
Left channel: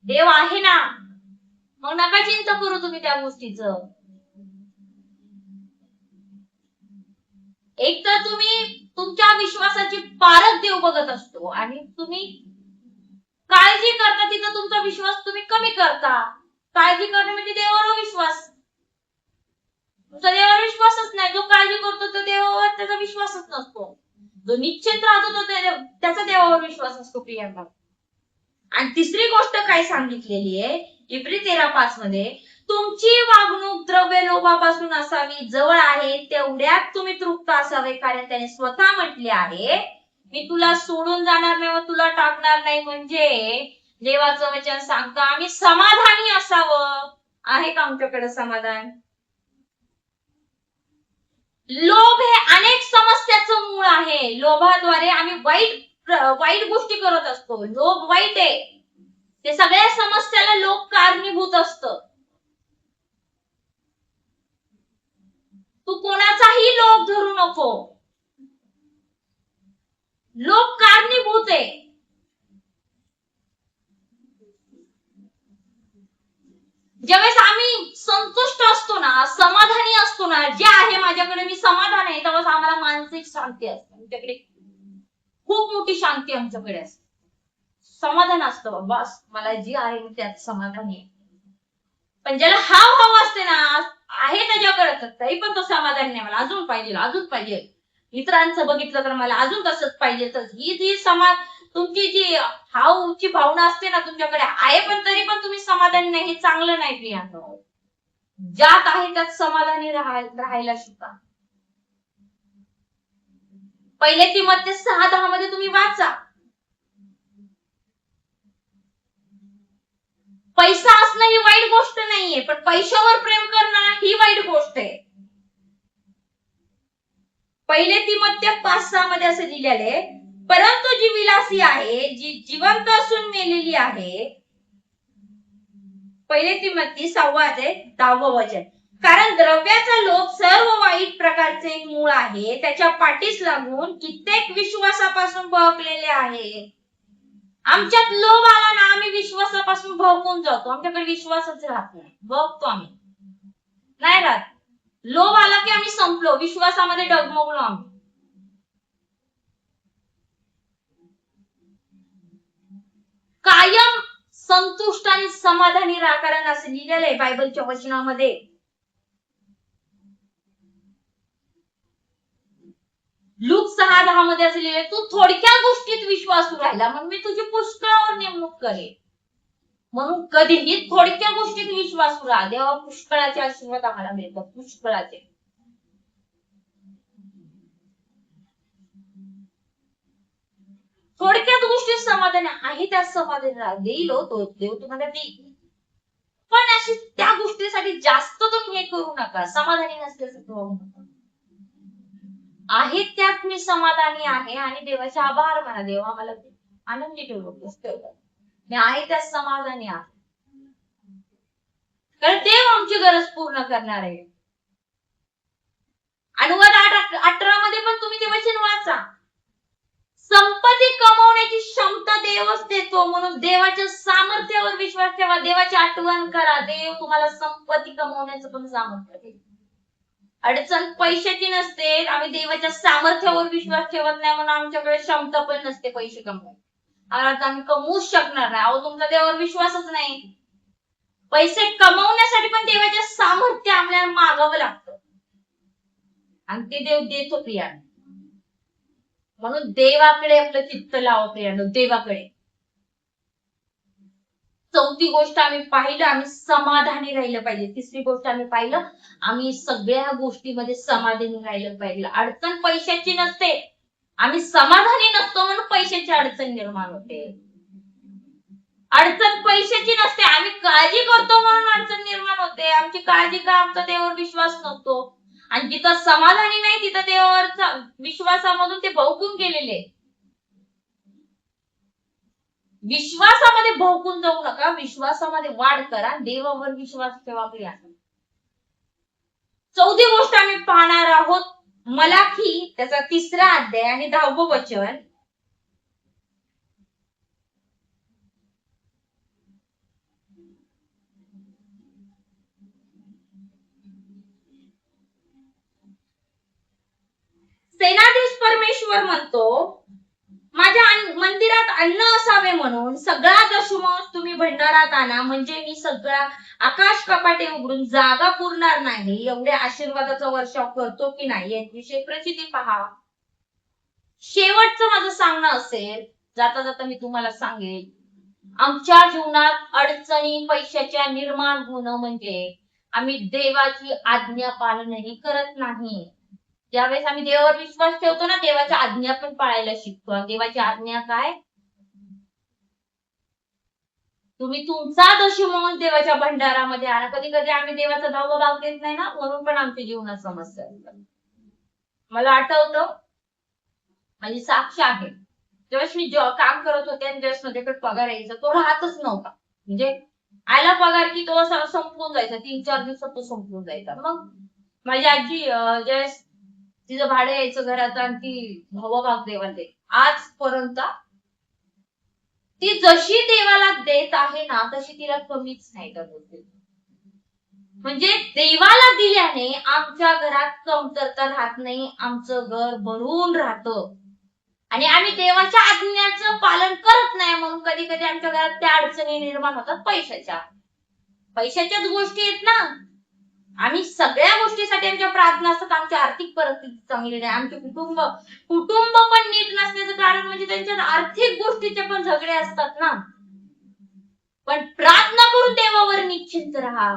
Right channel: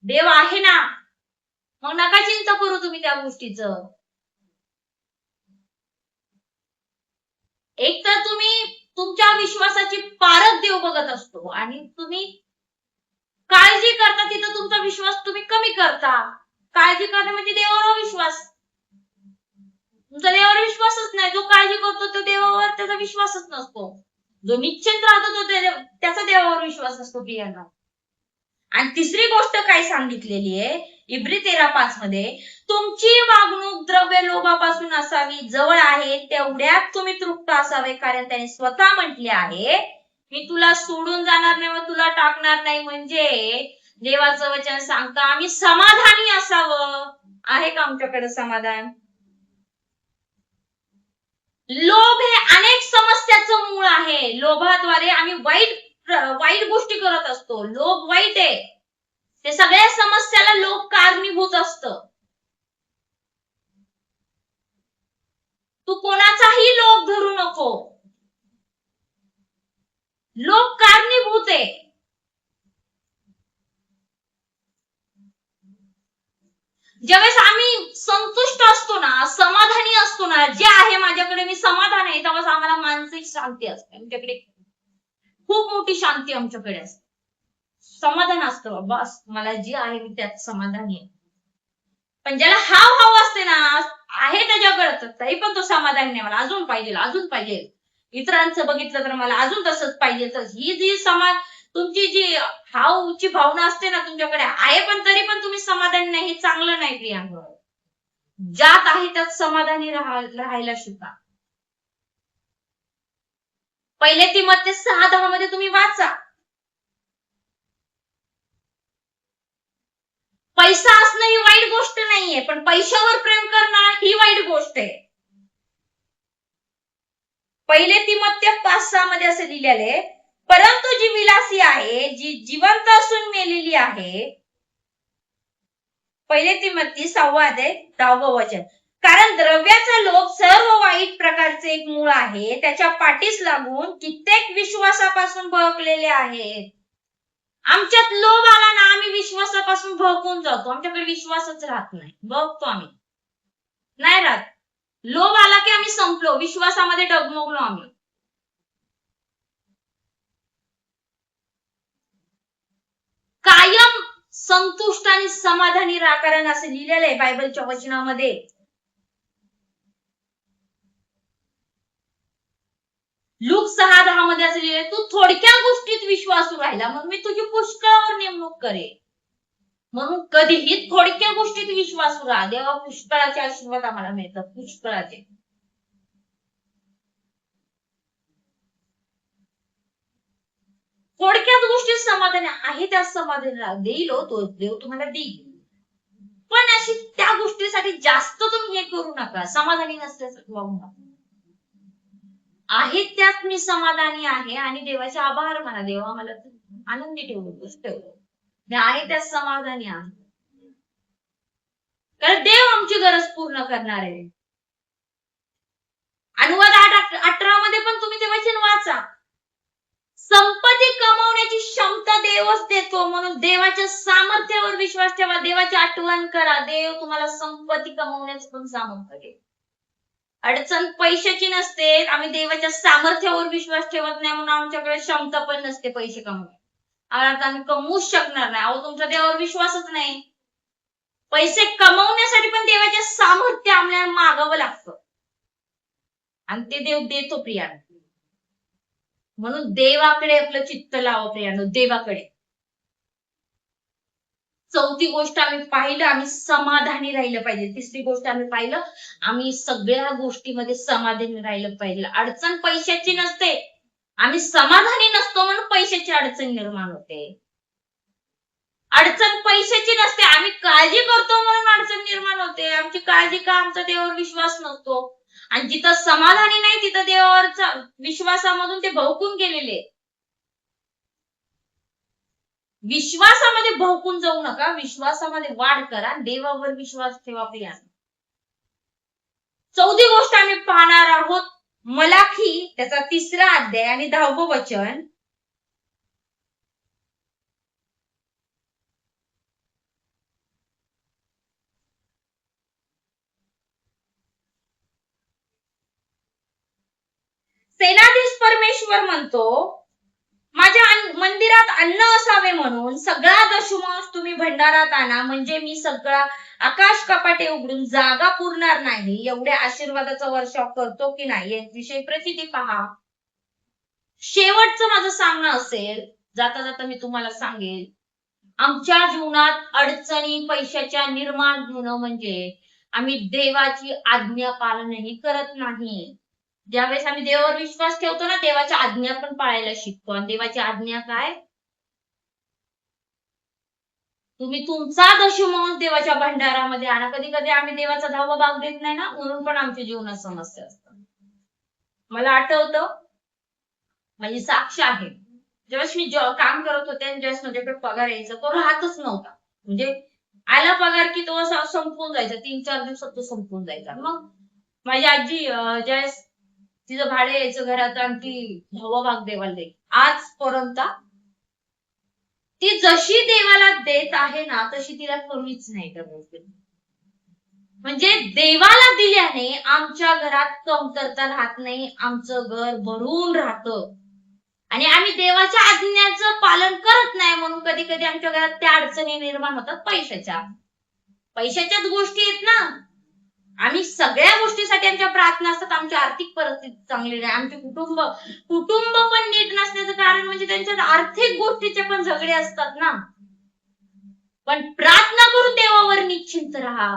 देव आहे ना, मग नका चिंता करू तुम्ही त्या गोष्टीचं. एक तर तुम्ही तुमच्या विश्वासाची पारख देव बघत असतो, आणि तुम्ही काळजी करता तिथं तुमचा विश्वास तुम्ही कमी करता. काळजी करणे म्हणजे देवावर विश्वास. तुमचा देवावर विश्वासच नाही. जो काळजी करतो तो देवावर त्याचा विश्वासच नसतो. जो निश्चिंत राहतो तो त्याचा देवावर विश्वास असतो. प्रियांका, आणि तिसरी गोष्ट काय सांगितलेली आहे इब्री 13:5 मध्ये, तुमची वागणूक द्रव्य लोभापासून असावी, जवळ आहे तेवढ्यात तुम्ही तृप्त असावे, कारण त्याने स्वतः म्हटले आहे, मी तुला सोडून जाणार नाही व तुला टाकणार नाही. म्हणजे देवाचं वचन सांगतं आम्ही समाधानी असावं. आहे का आमच्याकडे समाधान? लोभ हे अनेक समस्याचं मूळ आहे. लोभाद्वारे आम्ही वाईट गोष्टी करत असतो. लोभ वाईट आहे, ते सगळ्या समस्याला लोभ कारणीभूत असतं. तू कोणाचाही लोभ धरू नको, लोभ कारणीभूत आहे. ज्यावेळेस आम्ही संतुष्ट असतो ना, समाधानी असतो ना, जे आहे माझ्याकडे मी समाधान आहे, तेव्हाच आम्हाला मानसिक शांती असते. आमच्याकडे खूप मोठी शांती आमच्याकडे असते, समाधान असतं. बस मला जे आहे मी त्यात समाधानी आहे. पण ज्याला हाव असते ना, आहे त्याच्याकडे तरी पण तो समाधान नाही, मला अजून पाहिजे, अजून पाहिजे, इतरांचं बघितलं तर मला अजून तसंच पाहिजे. तर ही जी तुमची जी हावची भावना असते ना तुमच्याकडे आहे, पण तरी पण तुम्ही समाधानी नाही, हे चांगलं नाही. प्रियांका, ज्यात आहे त्यात समाधानी राहायला शिका. पहिले तीमोथेयुस 6:10 मध्ये तुम्ही वाचा, पैसा असणं ही वाईट गोष्ट नाहीये, पण पैशावर प्रेम करणं ही वाईट गोष्ट आहे. पहिले तीमोथेयुस 5:6 मध्ये असं लिहिलेले, परंतु जी विलासी आहे, जी जिवंत असून मेलेली आहे. पहिले तीमोथेयुस 6:10 वचन, कारण द्रव्याचा लोभ सर्व वाईट प्रकारचे एक मूळ आहे, त्याच्या पाठीस लागून कित्येक विश्वासापासून बहकलेले आहेत. आमच्यात लोभ आला ना, आम्ही विश्वासापासून बहकून जातो, आमच्याकडे विश्वासच राहत नाही, बघतो आम्ही. नाही राहत. लोभ आला की आम्ही संपलो, विश्वासामध्ये डगमगलो आम्ही. कायम संतुष्ट आणि समाधानी राहा, कारण असं लिहिलेलं आहे बायबलच्या वचनामध्ये. लूक 6:10 मध्ये असं लिहिलंय, तू थोडक्या गोष्टीत विश्वासू राहिला म्हणून मी तुझी पुष्कळावर नेमणूक करेन. म्हणून कधीही थोडक्या गोष्टीत विश्वासू राहा, देवा पुष्कळाचे आशीर्वाद आम्हाला मिळतात, पुष्कळाचे. थोडक्यात गोष्टीत समाधान आहे, त्यात समाधान राहा. देईल तो देव तुम्हाला देईल, पण अशी त्या गोष्टीसाठी जास्त तुम्ही हे करू नका, समाधानी नसल्यासारखं वागू नका. आहे त्यात मी समाधानी आहे आणि देवाचे आभार माना, देवा मला आनंदी ठेवलं, खुश ठेवलं, मी आहे त्यात समाधानी आहे, कारण देव आमची गरज पूर्ण करणार आहे. अनुवाद 8:18 मध्ये पण तुम्ही ते वचन वाचा. संपत्ती कमवण्याची क्षमता देवच देतो, म्हणून देवाच्या सामर्थ्यावर विश्वास ठेवा, देवाची आठवण करा, देव तुम्हाला संपत्ती कमवण्याचं पण सामर्थ्य देईल. अडचण पैशाची नसते, आम्ही देवाच्या सामर्थ्यावर विश्वास ठेवत नाही म्हणून आमच्याकडे क्षमता पण नसते पैसे कमवायची, आम्ही कमवूच शकणार नाही. अहो, तुमचा देवावर विश्वासच नाही. पैसे कमवण्यासाठी पण देवाच्या सामर्थ्य आम्हाला मागावं लागतं आणि ते देव देतो प्रियानो. म्हणून देवाकडे आपलं चित्त लावा प्रियानो, देवाकडे. चौथी गोष्ट आम्ही पाहिलं, आम्ही समाधानी राहिलं पाहिजे. तिसरी गोष्ट आम्ही पाहिलं, आम्ही सगळ्या गोष्टीमध्ये समाधानी राहिलं पाहिजे. अडचण पैशाची नसते, आम्ही समाधानी नसतो म्हणून पैशाची अडचण निर्माण होते. अडचण पैशाची नसते, आम्ही काळजी करतो म्हणून अडचण निर्माण होते. आमची काळजी का, आमचा देवावर विश्वास नसतो. आणि जिथं समाधानी नाही तिथं देवावरचा विश्वासामधून ते भवकून गेलेले. विश्वासामध्ये भवकून जाऊ नका, विश्वासामध्ये वाढ करा, देवावर विश्वास ठेवा प्रियानो. चौथी गोष्ट आम्ही पाहणार आहोत, मलाखी त्याचा 3रा अध्याय आणि 10वं वचन. सेनाधीश परमेश्वर म्हणतो, माझ्या मंदिरात अन्न असावे म्हणून सगळा दशमांश तुम्ही भंडारात आणा, म्हणजे मी सगळा आकाश कपाटे उघडून जागा पुरणार नाही एवढ्या आशीर्वादाचा वर्षाव करतो की नाही याविषयी प्रचिती पहा. शेवटचं माझं सांगणं असेल, जाता जाता मी तुम्हाला सांगेल, आमच्या जीवनात अडचणी पैशाच्या निर्माण होणं म्हणजे आम्ही देवाची आज्ञा पालनही करत नाही. ज्यावेळेस आम्ही देवावर विश्वास ठेवतो ना, देवाच्या आज्ञा पण पाळायला शिकतो. आणि देवाची आज्ञा काय, तुम्ही तुमचा दशमांश देवाच्या भंडारामध्ये आणा. कधी कधी आम्ही देवाचा 10वा भाग देत नाही ना, म्हणून पण आमच्या जीवनात समस्या असतात. मला आठवतं, माझी साक्ष आहे, ज्यावेळेस मी काम करत होते आणि ज्यावेळेस माझ्याकडे पगार यायचा तो राहतच नव्हता. म्हणजे आला पगार की तो संपून जायचा, 3-4 दिवसात तो संपून जायचा. मग माझी आजी ज्यावेळेस तिचं भाडे यायचं घरात आणि ती 10वा भाग देवाला दे, आजपर्यंत ती जशी देवाला देत आहे ना, तशी तिला कमीच नाही करत. म्हणजे देवाला दिल्याने आमच्या घरात कमतरता राहत नाही, आमचं घर भरून राहतं. आणि आम्ही देवाच्या आज्ञाचं पालन करत नाही म्हणून कधी कधी आमच्या घरात त्या अडचणी निर्माण होतात पैशाच्याच गोष्टी आहेत ना. आम्ही सगळ्या गोष्टीसाठी आमच्या प्रार्थना असतात, आमची आर्थिक परिस्थिती चांगली नाही, आमचे कुटुंब पण नीट नसण्याचं कारण म्हणजे त्यांच्यात आर्थिक गोष्टीचे पण झगडे असतात ना. पण प्रार्थना करून देवावर निश्चिंत राहा.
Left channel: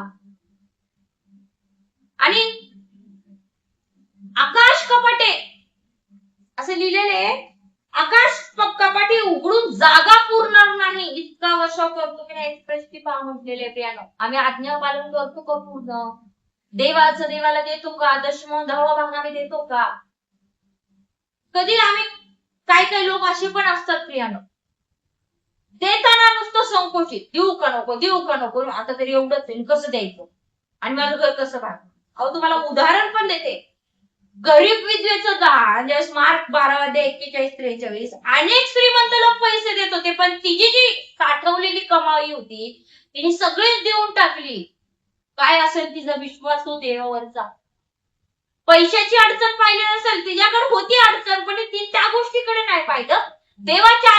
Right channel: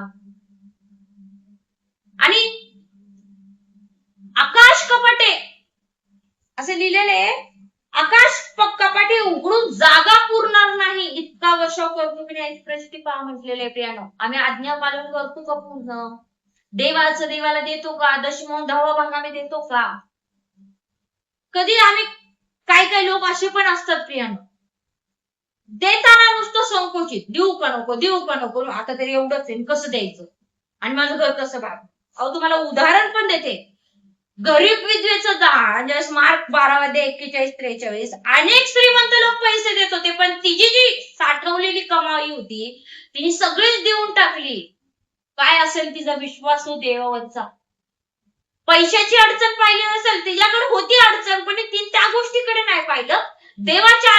आणि आकाश कपाटे असे लिहिलेले, आकाश कपाटे उघडून जागा पुरणार नाही इतका वर्षाव करतो की नाही प्रश्न पहा म्हटलेले प्रियानो. आम्ही आज्ञा पालन करतो का पूर्ण, देवाला देतो का, दशमांश 10वा भाग आम्ही देतो का. कधी आम्ही काही लोक असे पण असतात प्रियानो, देताना नुसतं संकोचित, देऊ का नको, आता तरी एवढंच आहे, कसं द्यायचं आणि माझं घर कसं भागतं. अहो, तुम्हाला उदाहरण पण देते, गरीब विधवेचं दान ज्यावेळेस मार्क 12:41-43, अनेक श्रीमंत लोक पैसे देत होते, पण तिची जी साठवलेली कमाई होती तिने सगळीच देऊन टाकली. काय असेल तिचा विश्वास हो देवावरचा. पैशाची अडचण पाहिली नसेल, तिच्याकडे होती अडचण, पण ती त्या गोष्टीकडे नाही पाहिलं, देवाच्या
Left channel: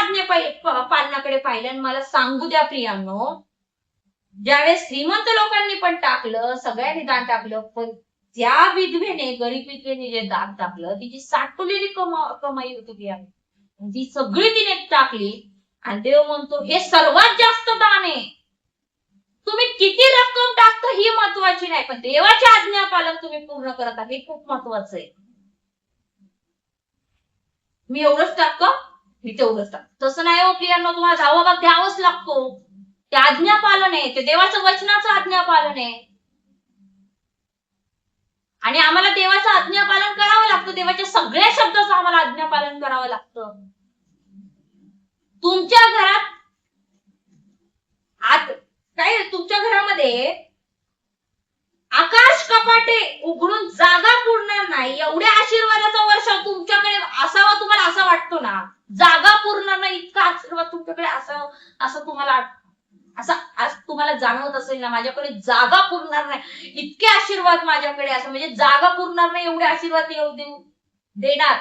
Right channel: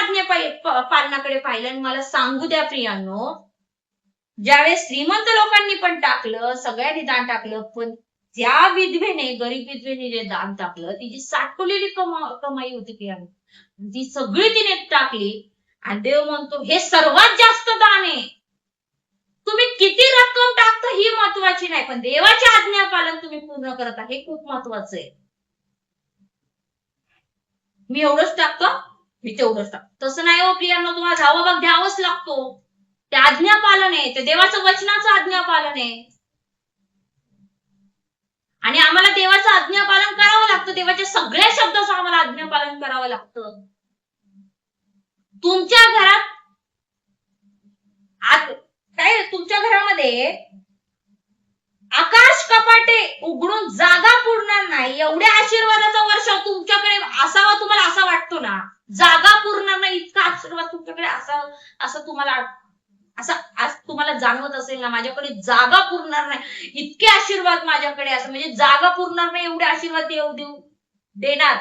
पालनाकडे पाहिलं. आणि मला सांगू द्या प्रियांनो, ज्यावेळेस श्रीमंत लोकांनी पण टाकलं, सगळ्यांनी दान टाकलं, पण त्या विधवेने, गरीब विधवेने जे दान टाकलं, तिची साठवलेली कमाई होती प्रियांनो, ती सगळी तिने टाकली. आणि देव म्हणतो हे सर्वात जास्त दान आहे. तुम्ही किती रक्कम टाकता ही महत्वाची नाही, पण देवाची आज्ञा पालन तुम्ही पूर्ण करत आहे हे खूप महत्वाचं आहे. मी एवढंच टाकतो, मी तेवढंच टाकतो, तसं नाही हो प्रियांनो. तुम्हाला 10वा भाग द्यावाच लागतो. ते आज्ञा पालन आहे, ते देवाचं वचनाचं आज्ञा पालन आहे. आणि आम्हाला देवाचं आज्ञा पालन करावं लागतं, देवाच्या सगळ्या शब्दाचं आम्हाला आज्ञा पालन करावं लागतं. तुमच्या घरात काय, तुमच्या घरामध्ये आकाश कपाटे उघडून जागा पुरणार नाही एवढ्या आशीर्वादाचा वर्षाव तुमच्याकडे असावा, तुम्हाला असा वाटतो ना, जागा पुरणार नाही इतका आशीर्वाद तुमच्याकडे असावा, असं तुम्हाला जाणवत असेल ना, माझ्याकडे जागा पुरणार नाही इतके आशीर्वाद माझ्याकडे, असं म्हणजे जागा पुरणार नाही एवढे आशीर्वाद देव देणार,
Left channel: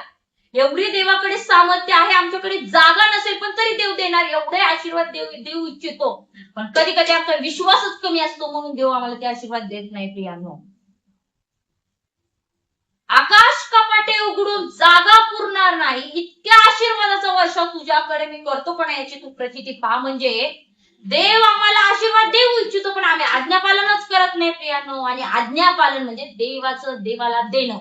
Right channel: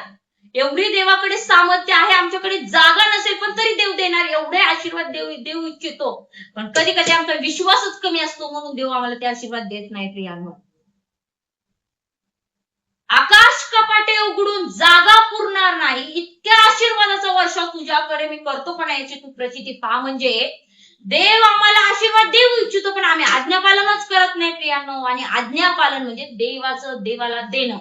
एवढी देवाकडे सामर्थ्य आहे. आमच्याकडे जागा नसेल पण तरी देव देणार, एवढे आशीर्वाद देऊ इच्छितो. पण कधी कधी आमचा विश्वासच कमी असतो, म्हणून देव आम्हाला ते आशीर्वाद देत नाही प्रियांनो. आकाश कपाटे उघडून जागा पुरणार नाही इतक्या आशीर्वादाचा वर्षाव तुझ्याकडे मी करतो, पण याची तू प्रचिती पहा. म्हणजे देव आम्हाला आशीर्वाद देऊ इच्छितो, पण आम्ही आज्ञापालनच करत नाही प्रियांनो. आणि आज्ञापालन म्हणजे देवाला देणं.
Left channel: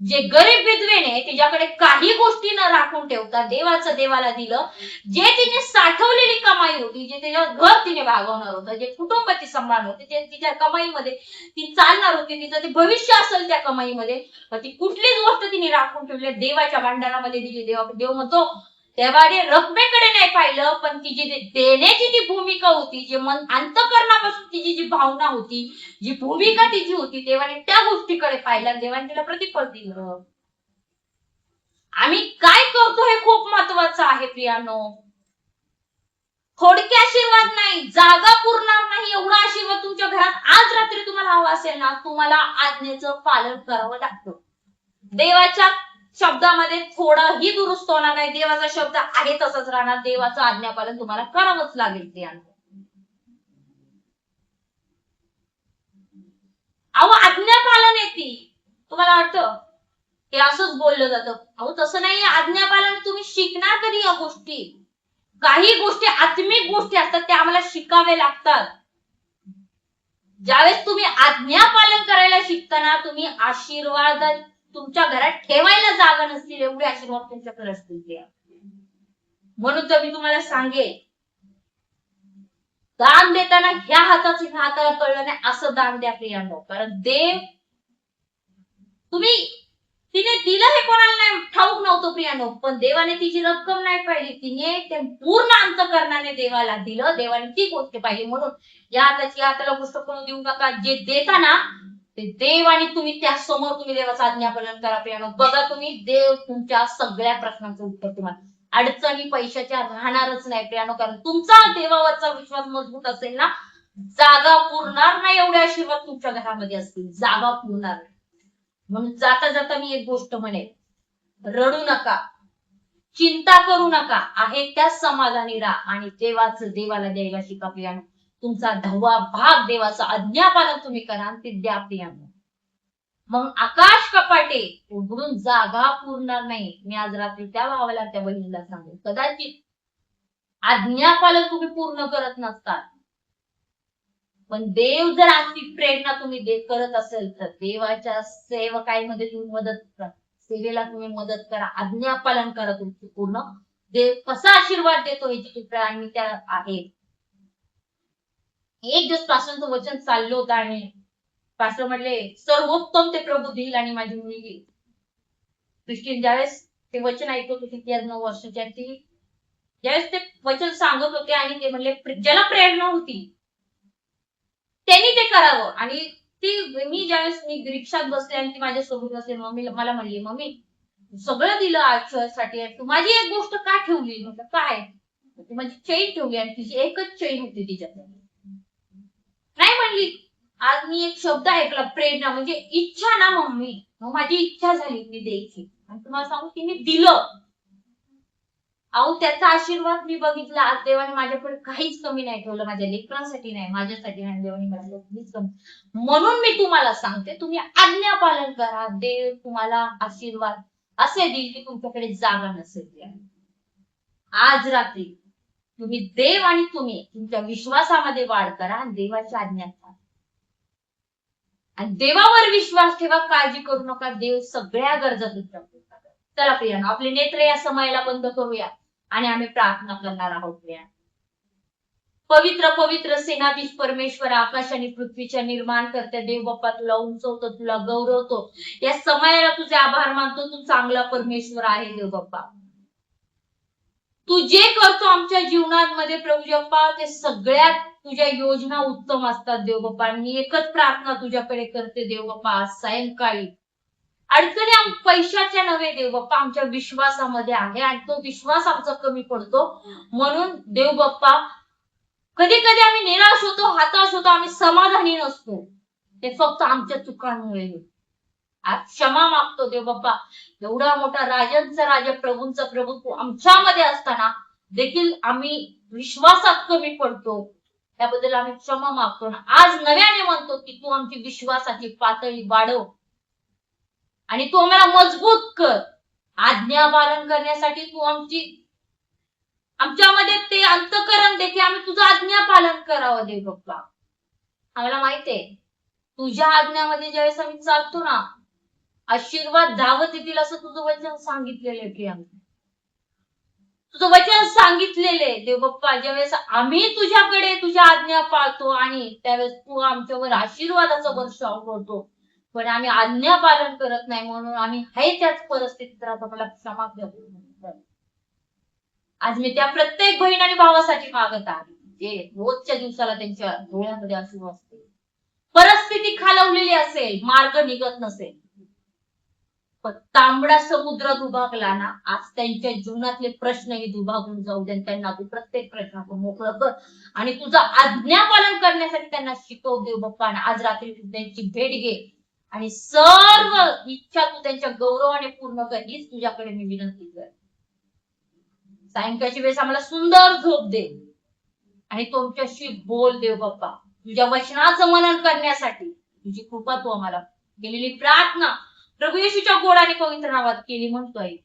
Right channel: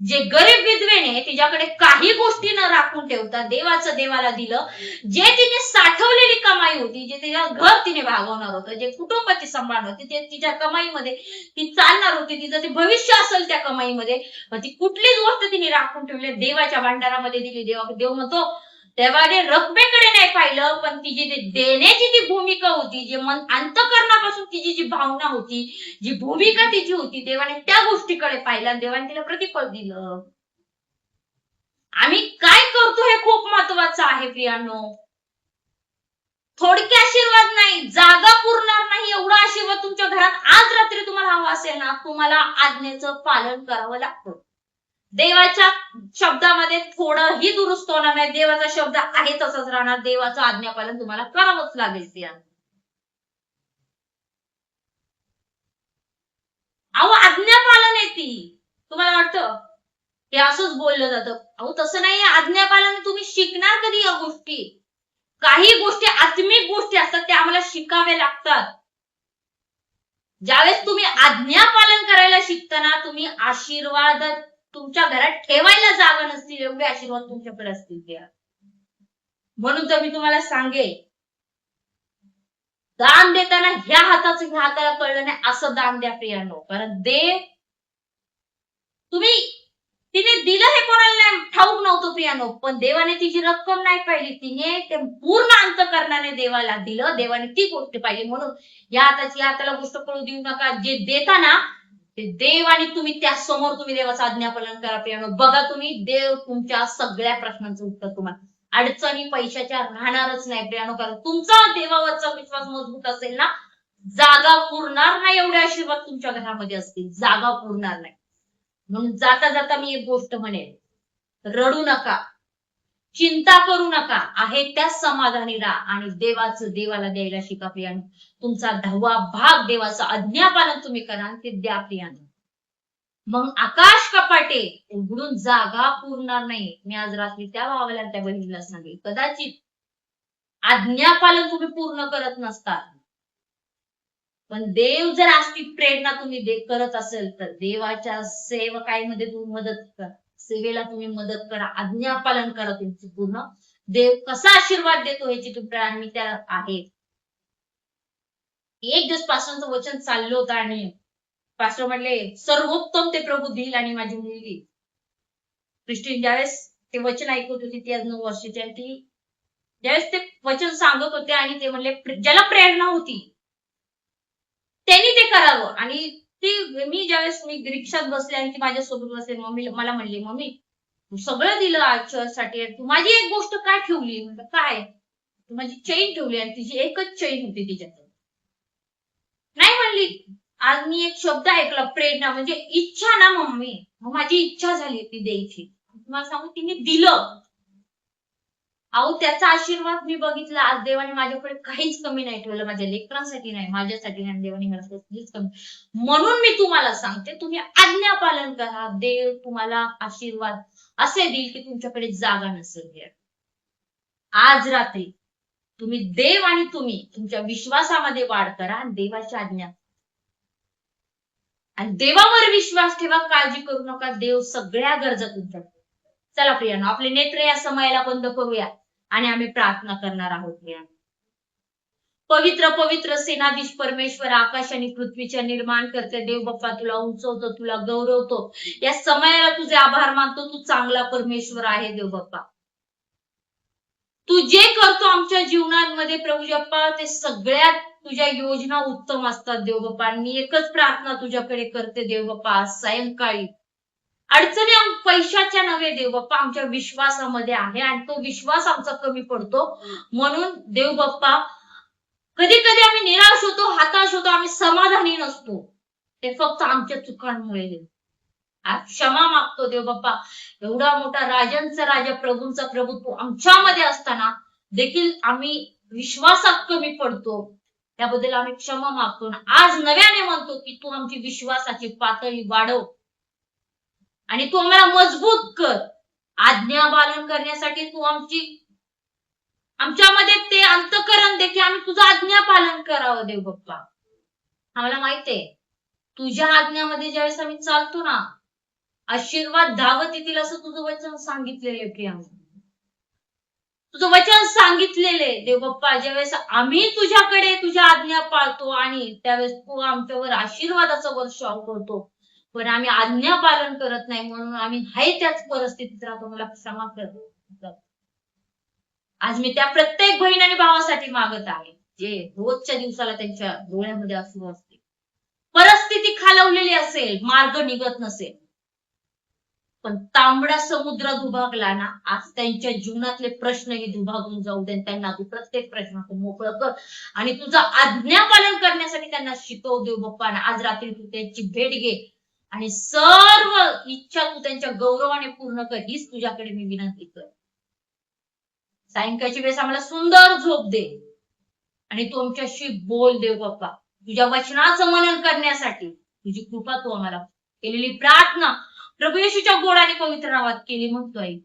जे गरीब विधवेने तिच्याकडे काही गोष्टी न राखून ठेवता देवाचं देवाला दिलं, जे तिने साठवलेली कमाई होती, जे तिच्या घर तिने भागवणार होतं, जे कुटुंब ती सांभाळणार होती, ते तिच्या कमाईमध्ये ती चालणार होती, तिचं ते भविष्य असेल त्या कमाईमध्ये, ती कुठलीच गोष्ट तिने राखून ठेवली देवाच्या भांडारामध्ये दिली. देव म्हणतो तेव्हाने रकमेकडे नाही पाहिलं, पण तिची जी देण्याची जी भूमिका होती, जे मन अंतःकरणापासून तिची जी भावना होती, जी भूमिका तिची होती, देवाने त्या गोष्टीकडे पाहिलं, देवाने तिला प्रतिफळ दिलं. आम्ही काय करतो हे खूप महत्वाचं आहे प्रियांनो. थोडके आशीर्वाद नाही, जागा पुरणार नाही एवढा आशीर्वाद तुमच्या घरात आज रात्री तुम्हाला हवा असेल ना, तुम्हाला आज्ञेचं पालन करावं लागतं. देवाच्या शब्दामध्ये थोडंही दुरुस्त होणार नाही, देवाचा शब्द आहे तसंच राहणार, देवाचं आज्ञापालन तुम्हाला करावंच लागेल प्रियांनो. अहो आज्ञापालन आहे ती, तुम्हाला वाटतं हे असंच बोललं जातं, अहो तसं नाही. आज्ञापालन तुम्ही शिकणार कधी या गोष्टी, काही गोष्टी आत्मिक गोष्टी असतात त्या आम्हाला शिकाव्या लागतात. ज्यावेळेस तुम्ही आज्ञापालन करायला शिकताना, तुम्ही आशीर्वाद तुमच्या घरात ठेवायला जागा नसतील एवढे आशीर्वाद तुमच्याकडे असतील. म्हणून तर मी तुम्हाला सांगेल, दान देताना ह्या हाताचं ह्या हाताला कळलं नाही असं दान द्या प्रियांनो. कारण देव तिने दिलं हे कोणाला नाही ठाऊक नव्हतं प्रियांनो, पण देवाने तिची रक्कम नाही पाहिली, तिने ते पूर्ण अंतःकरणाने देवाला दिलं, देवाने ती गोष्ट पाहिली. म्हणून या हाताची या हाताला गोष्ट कळू देऊ नका, जे देता ना ते देव आणि तुम्ही त्या समोर तुम्ही देवाचं आज्ञापालन करा प्रियांनो. बघा तुम्ही, देव तुमच्या सगळ्या प्रश्नांचं उत्तर तुम्हाला, अडचणी पैशाच्या राहणारच नाही प्रियांनो. कारण तुमचा देवावरचा विश्वास मजबूत असेल ना, जागा पुरणार नाही एवढे आशीर्वाद तुमच्या घरामध्ये असतील, जागा पुरणार नाही. म्हणून जाता जाता मी एक गोष्ट म्हणेन, रडू नका, चिंता करू नका, आहे त्याच समाधानी राहा आणि देवाला द्यायला शिका प्रियांनो. तुमचा 10वा भाग देवाचं आज्ञापालन तुम्ही करा ते द्या प्रियांनो. मग आकाश कपाटे उघडून जागा पुरणार नाही. मी आज रात्री त्या भावाला त्या बहिणीला सांगेल, कदाचित आज्ञापालन तुम्ही पूर्ण करत नसतात, पण देव जर असती प्रेरणा तुम्ही करत असेल तर देवाच्या सेवकाईमध्ये तुम्ही मदत करा, सेवेला तुम्ही मदत करा, आज्ञापालन करा तुमची पूर्ण. देव कसा आशीर्वाद देतो ह्याची तुम्ही मी त्या आहे. एक दिवस पासूनचं वचन चाललं होतं आणि पास्टर म्हटले सर्वोत्तम ते प्रभू देईल. आणि माझी मुलगी क्रिस्टीन ज्यावेळेस ते वचन ऐकत होती, ती आज 9 वर्षाची, आणि ती ज्यावेळेस ते वचन सांगत होते आणि ते म्हणले ज्याला प्रेरणा होती त्यांनी ते करावं. आणि मी ज्यावेळेस मी रिक्षात बसले आणि ती माझ्यासोबत बसले, मला म्हणली मम्मी तू सगळं दिलं आजच्यासाठी, तू माझी एक गोष्ट काय ठेवली. म्हटलं काय. तू माझी चेन ठेवली, आणि तिची एकच चेन होती तिच्यात. नाही म्हणली आज मी एक शब्द ऐकला, प्रेरणा म्हणजे इच्छा ना मम्मी. मग माझी इच्छा झाली ती द्यायची आणि तुम्हाला सांगू तिने दिलं. अहो त्याचा आशीर्वाद मी बघितला. आज देवाने माझ्याकडे काहीच कमी नाही ठेवलं. माझ्या लेकरांसाठी नाही, माझ्यासाठी नाही, देवाने मला काहीच कमी. म्हणून मी तुम्हाला सांगते, तुम्ही आज्ञा पालन करा. देव तुम्हाला आशीर्वाद असे देईल की तुमच्याकडे जागा नसेल. आज रात्री तुम्ही देव आणि तुम्ही तुमच्या विश्वासामध्ये वाढ करा आणि देवाची आज्ञा पाळा. आणि देवावर विश्वास ठेवा. काळजी करू नका. देव सगळ्या गरजा तुमच्या पूर्ण करेल. चला प्रियानो, आपले नेत्र या समयाला बंद करूया आणि आम्ही प्रार्थना करणार आहोत. प्रियानो, पवित्र पवित्र सेनाधीश परमेश्वर, आकाश आणि पृथ्वीच्या निर्माण करते देव बाप्पा, तुला उंचवतो, तुला गौरवतो. या समयाला तुझे आभार मानतो. तू चांगला परमेश्वर आहे देव बाप्पा. तू जे करतो आमच्या जीवनामध्ये प्रभू बाप्पा, ते सगळ्यात तुझ्या योजना उत्तम असतात देव बाप्पा. मी एकच प्रार्थना तुझ्याकडे करते देव बाप्पा, आज सायंकाळी अडचणी पैशाच्या नव्हे देव बाप्पा, आमच्या विश्वासामध्ये आहे आणि तो विश्वास आमचा कमी पडतो. म्हणून देव बाप्पा, कधी कधी आम्ही निराश होतो, हताश होतो, आम्ही समाधानी नसतो. ते फक्त आमच्या चुकांमुळे. आज क्षमा मागतो देव बाप्पा. एवढा मोठा राजांचा राजा, प्रभूंचा प्रभू तू आमच्यामध्ये असताना देखील आम्ही विश्वासात कमी पडतो. त्याबद्दल आम्ही क्षमा मागतो ना. आज नव्याने म्हणतो की तू आमची विश्वासाची पातळी वाढव आणि तू आम्हाला मजबूत कर. आज्ञा पालन करण्यासाठी तू आमच्यामध्ये ते अंतःकरण दे की आम्ही तुझं आज्ञा पालन करावं देव बाप्पा. आम्हाला माहितीये तुझ्या आज्ञामध्ये ज्यावेळेस आम्ही चालतो ना, आशीर्वाद धावत येतील असं तुझं वचन सांगितलेले प्रियांका. तुझं वचन सांगितलेले देव बाप्पा, ज्यावेळेस आम्ही तुझ्याकडे तुझ्या आज्ञा पाळतो आणि त्यावेळेस तू आमच्यावर आशीर्वादाचा वर्षाव करतो. पण आम्ही आज्ञा पालन करत नाही म्हणून आम्ही आहे त्याच परिस्थितीत राहतो. मला क्षमा कर. आज मी त्या प्रत्येक बहीण आणि भावासाठी मागत आहे जे रोजच्या दिवसाला त्यांच्या डोळ्यामध्ये अश्रू असते, परिस्थिती खालवलेली असेल, मार्ग निघत नसेल, पण तांबडा समुद्र दुभागला ना, आज त्यांच्या जीवनातले प्रश्नही दुभागून जाऊ दे. त्यांना तू प्रत्येक प्रश्नाचं मोकळं कर आणि तुझं आज्ञापालन करण्यासाठी त्यांना शिकव देव बाप्पा. आज रात्री तू त्यांची भेट घे आणि सर्व इच्छा तू त्यांच्या गौरवाने पूर्ण कर, हीच तुझ्याकडे मी विनंती कर. सायंकाळची वेळेस आम्हाला सुंदर झोप दे आणि तू आमच्याशी बोल देव बाप्पा. तुझ्या वचनाचं मनन करण्यासाठी तुझी कृपा तू आम्हाला केलेली प्रार्थना प्रभू येशूच्या गोड आणि पवित्र नावात केली म्हणतोय.